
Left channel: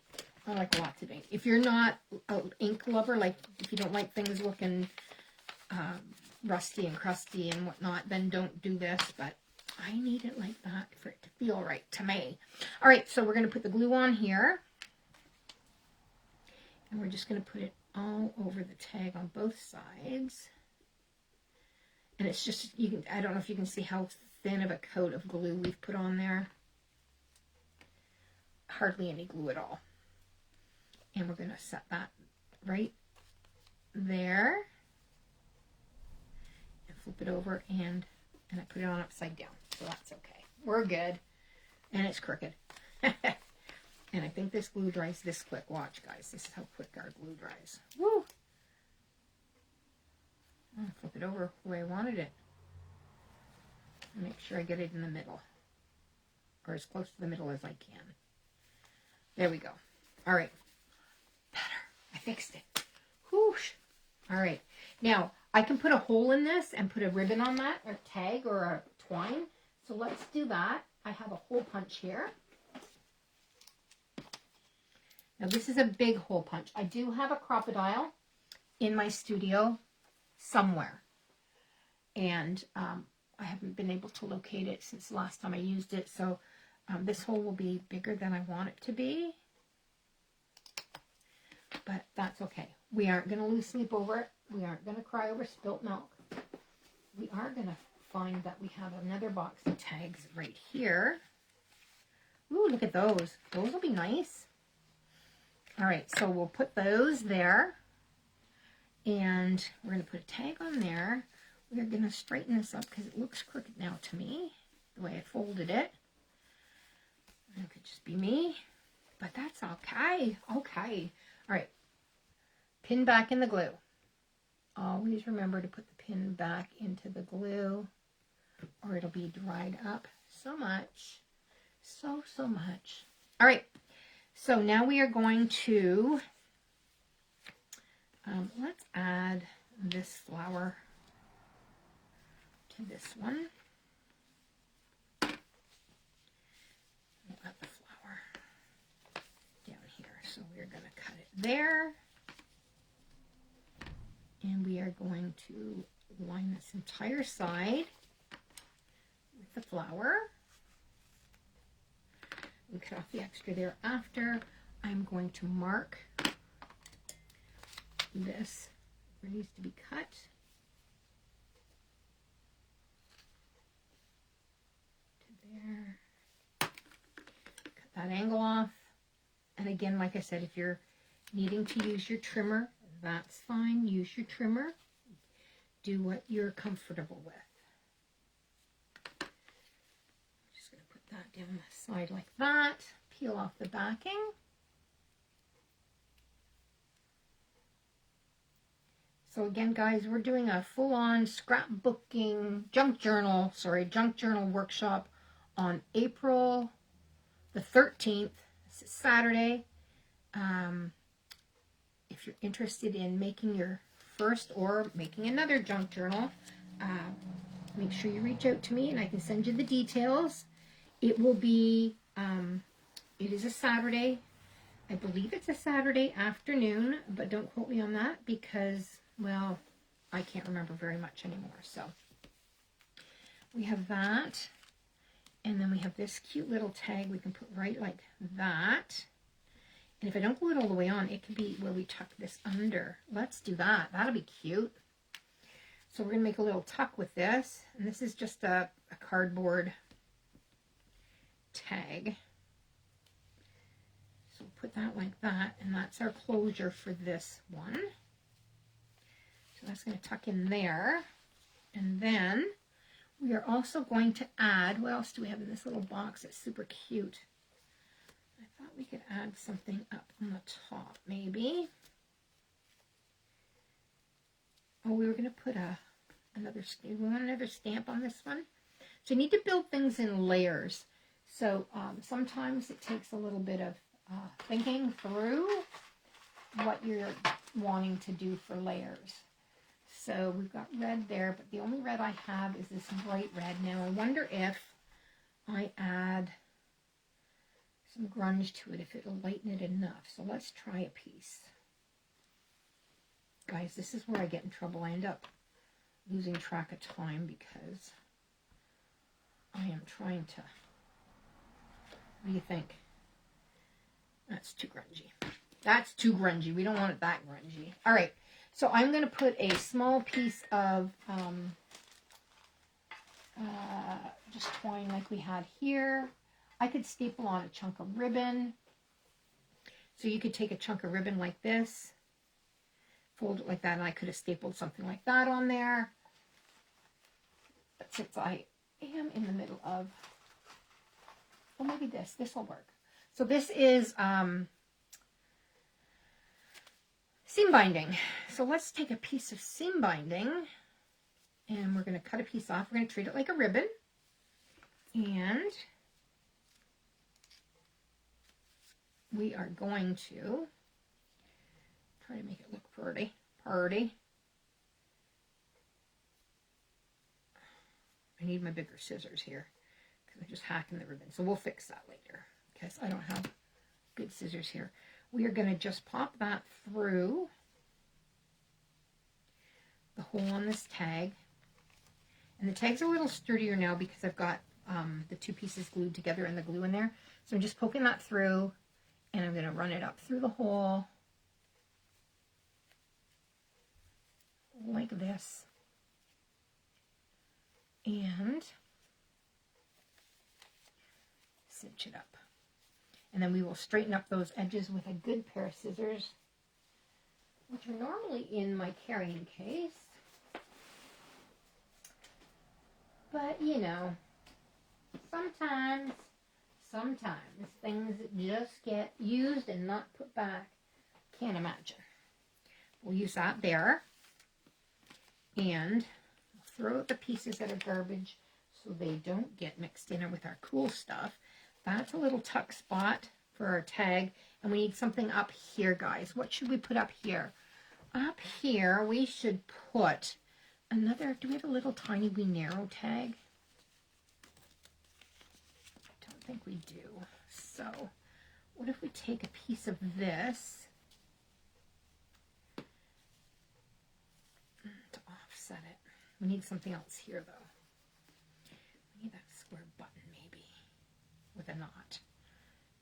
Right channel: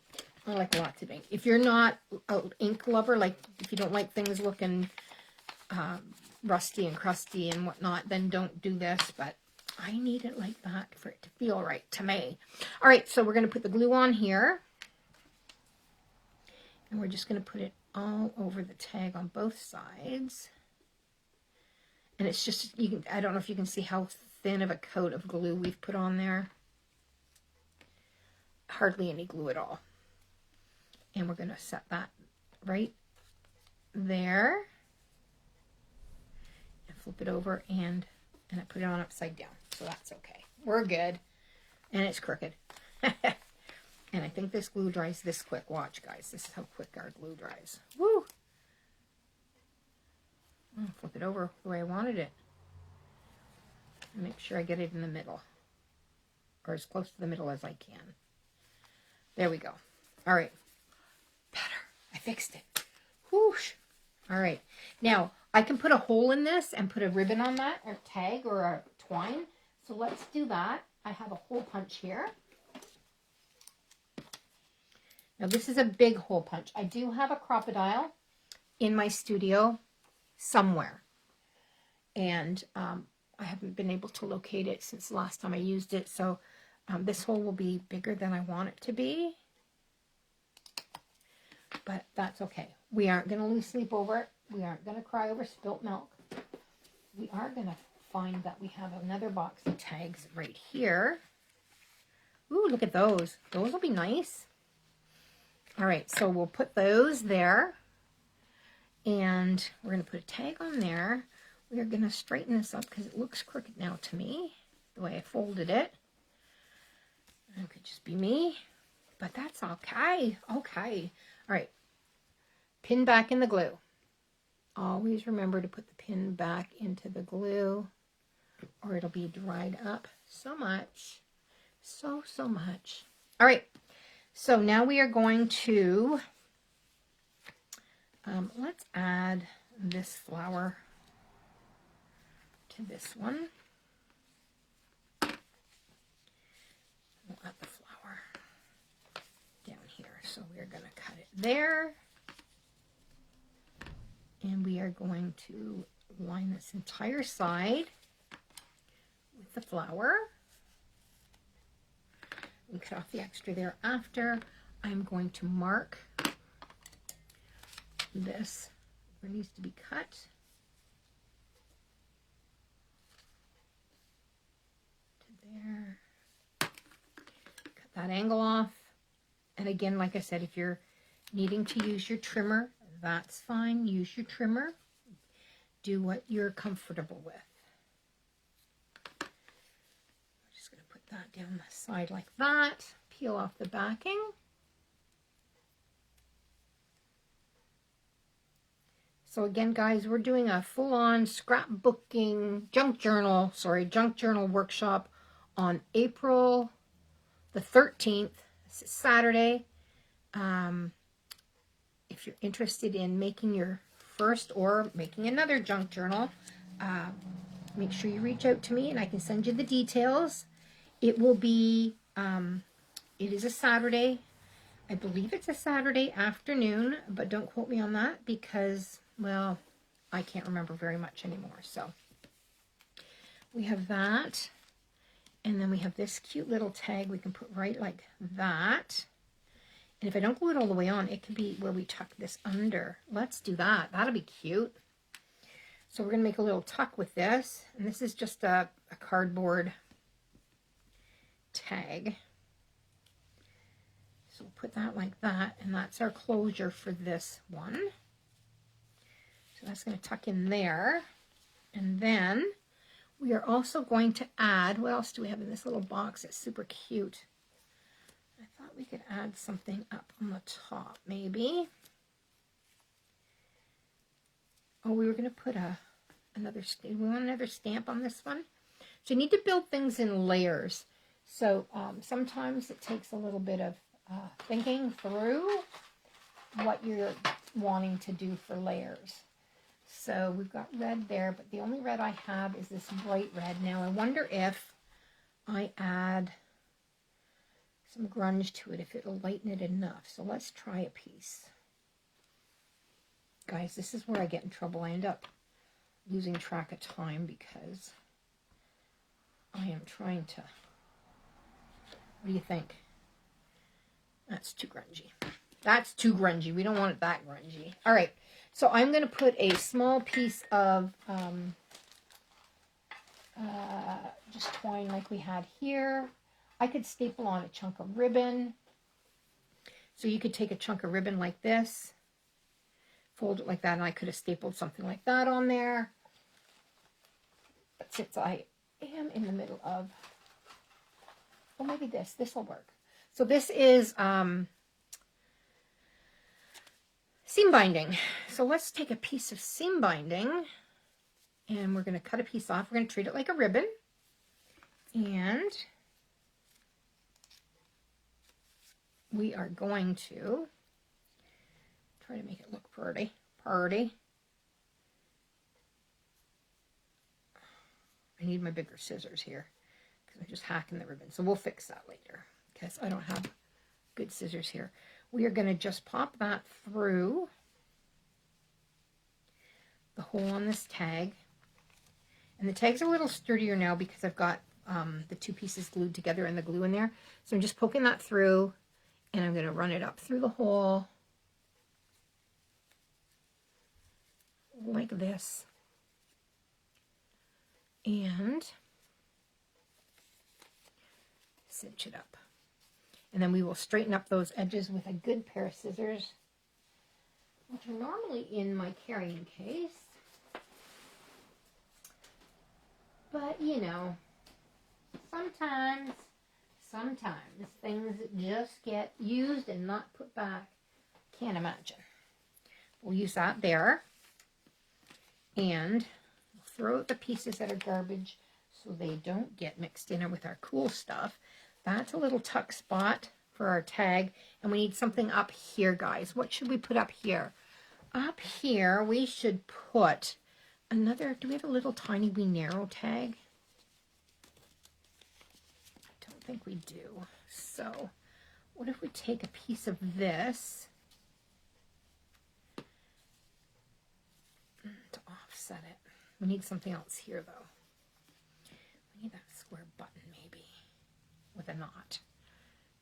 I like lots of ink. If you're not an ink lover, like if you don't like things looking rusty and crusty and whatnot, then don't do this. But I need it like that for it to feel right to me. All right, so we're going to put the glue on here. And we're just going to put it all over the tag on both sides. And it's just, I don't know if you can see how thin of a coat of glue we've put on there. Hardly any glue at all. And we're going to set that right there. And flip it over and I put it on upside down. So that's okay. We're good. And it's crooked. And I think this glue dries this quick. Watch, guys. This is how quick our glue dries. Woo! I'm going to flip it over the way I wanted it. And make sure I get it in the middle. Or as close to the middle as I can. There we go. All right. Better. I fixed it. Whoosh. All right. Now, I can put a hole in this and put a ribbon on that, or tag, or a twine. So let's do that. I have a hole punch here. Now, this is a big hole punch. I do have a crocodile in my studio somewhere. And I haven't been able to locate it since the last time I used it. So this hole will be bigger than I want it to be. But that's okay. We aren't going to lose sleep over it. We aren't going to cry over spilt milk. We are going to find that we have another box of tags right here. Ooh, look at those. Those will be nice. All right, so we'll put those there. And we're going to put a tag on there. We're going to straighten this up because it looks crooked now to me, the way I folded it. It could just be me, but that's okay. Okay. All right. Pin back in the glue. Always remember to put the pin back into the glue or it'll be dried up so much. So much. All right. So now we are going to, let's add this flower to this one. We'll add the flower down here. So we're going to cut it there. And we are going to line this entire side with the flower. And cut off the extra there after. I'm going to mark this where it needs to be cut. To there. Cut that angle off. And again, like I said, if you're needing to use your trimmer, that's fine. Use your trimmer. Do what you're comfortable with. That down the side like that. Peel off the backing. So again, guys, we're doing a full-on scrapbooking junk journal workshop on April the 13th. This is Saturday. If you're interested in making your first or making another junk journal, make sure you reach out to me and I can send you the details. It will be, it is a Saturday. I believe it's a Saturday afternoon, but don't quote me on that because, well, I can't remember very much anymore. So we have that. And then we have this cute little tag we can put right like that. And if I don't glue it all the way on, it could be where we tuck this under. Let's do that. That'll be cute. So we're going to make a little tuck with this. And this is just a cardboard tag. So we'll put that like that, and that's our closure for this one. So that's going to tuck in there. And then we are also going to add, what else do we have in this little box that's super cute? I thought we could add something up on the top, maybe. Oh, we were going to put we want another stamp on this one. So you need to build things in layers. So sometimes it takes a little bit of thinking through what you're wanting to do for layers. So we've got red there, but the only red I have is this bright red. Now I wonder if I add some grunge to it, if it'll lighten it enough. So let's try a piece. Guys, this is where I get in trouble. I end up losing track of time because I am trying to... What do you think? That's too grungy. That's too grungy. We don't want it that grungy. All right. So I'm going to put a small piece of just twine like we had here. I could staple on a chunk of ribbon. So you could take a chunk of ribbon like this, fold it like that, and I could have stapled something like that on there. But since I am in the middle of, well, maybe this will work. So this is seam binding. So let's take a piece of seam binding and we're going to cut a piece off. We're going to treat it like a ribbon. And we are going to try to make it look pretty. I need my bigger scissors here because I'm just hacking the ribbon. So we'll fix that later because I don't have good scissors here. We are going to just pop that through the hole on this tag. And the tag's a little sturdier now because I've got the two pieces glued together and the glue in there. So I'm just poking that through and I'm going to run it up through the hole like this. And cinch it up. And then we will straighten up those edges with a good pair of scissors, which are normally in my carrying case. But, you know, sometimes things just get used and not put back. Can't imagine. We'll use that there. And throw out the pieces that are garbage so they don't get mixed in with our cool stuff. That's a little tuck spot for our tag. And we need something up here, guys. What should we put up here? Up here, we should put another, do we have a little tiny wee narrow tag? I don't think we do. So, what if we take a piece of this to offset it? We need something else here, though. We need that square button, maybe, with a knot.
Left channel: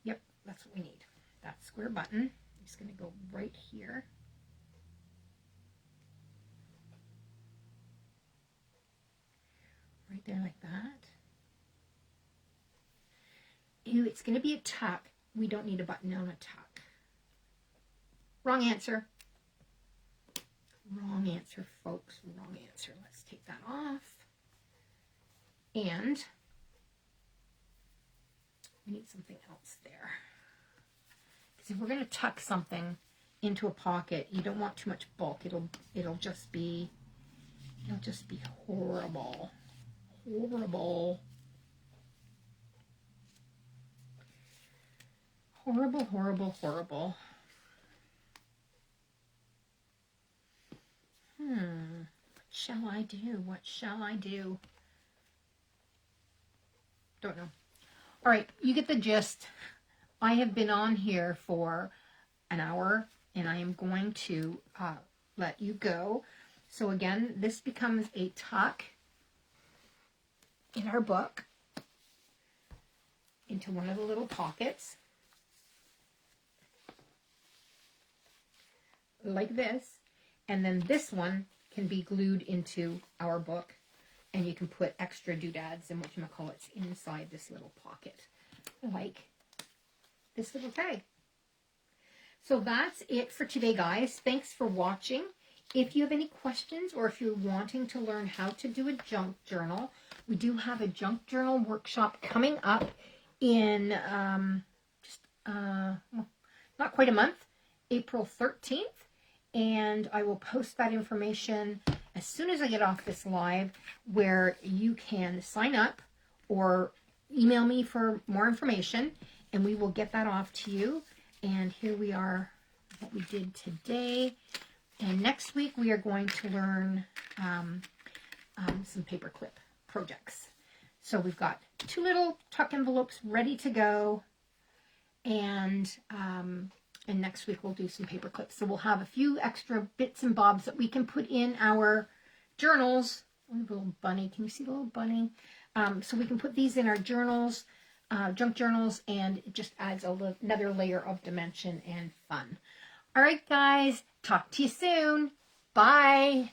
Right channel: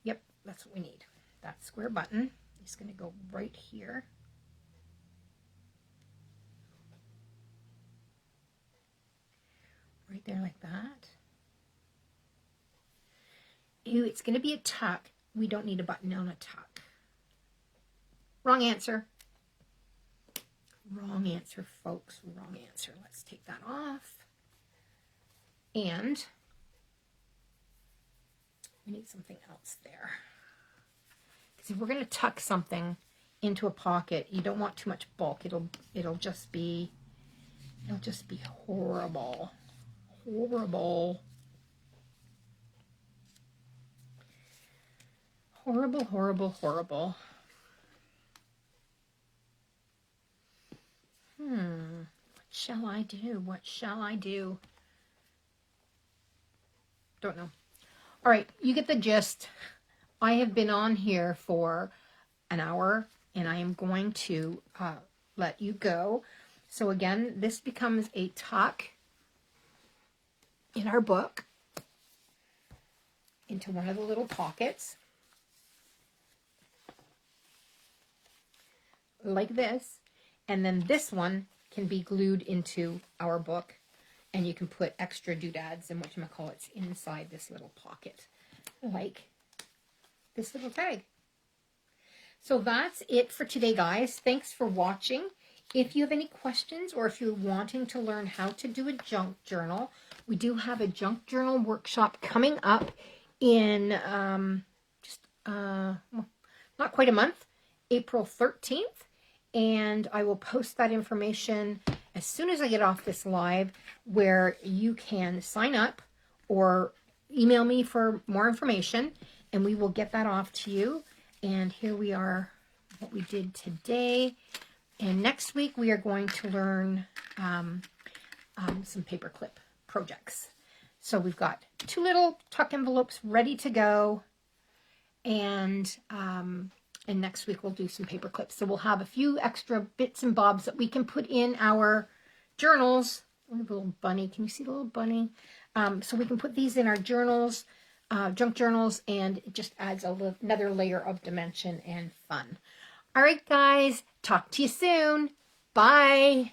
Yep, that's what we need. That square button is going to go right here. Right there like that. Ooh, it's going to be a tuck. We don't need a button on a tuck. Wrong answer. Wrong answer, folks. Wrong answer. Let's take that off. And we need something else there. Because if we're going to tuck something into a pocket, you don't want too much bulk. It'll just be horrible. Horrible. Horrible, horrible, horrible. What shall I do? What shall I do? Don't know. All right, you get the gist. I have been on here for an hour, and I am going to let you go. So again, this becomes a tuck in our book into one of the little pockets. Like this. And then this one can be glued into our book, and you can put extra doodads and whatchamacallits inside this little pocket, like this little tag. So that's it for today, guys. Thanks for watching. If you have any questions or if you're wanting to learn how to do a junk journal, we do have a junk journal workshop coming up in not quite a month, April 13th. And I will post that information as soon as I get off this live, where you can sign up or email me for more information, and we will get that off to you. And here we are, what we did today. And next week we are going to learn some paperclip projects. So we've got 2 little tuck envelopes ready to go, and next week we'll do some paper clips. So we'll have a few extra bits and bobs that we can put in our journals. Oh, the little bunny. Can you see the little bunny? So we can put these in our journals, junk journals, and it just adds another layer of dimension and fun. All right, guys. Talk to you soon. Bye.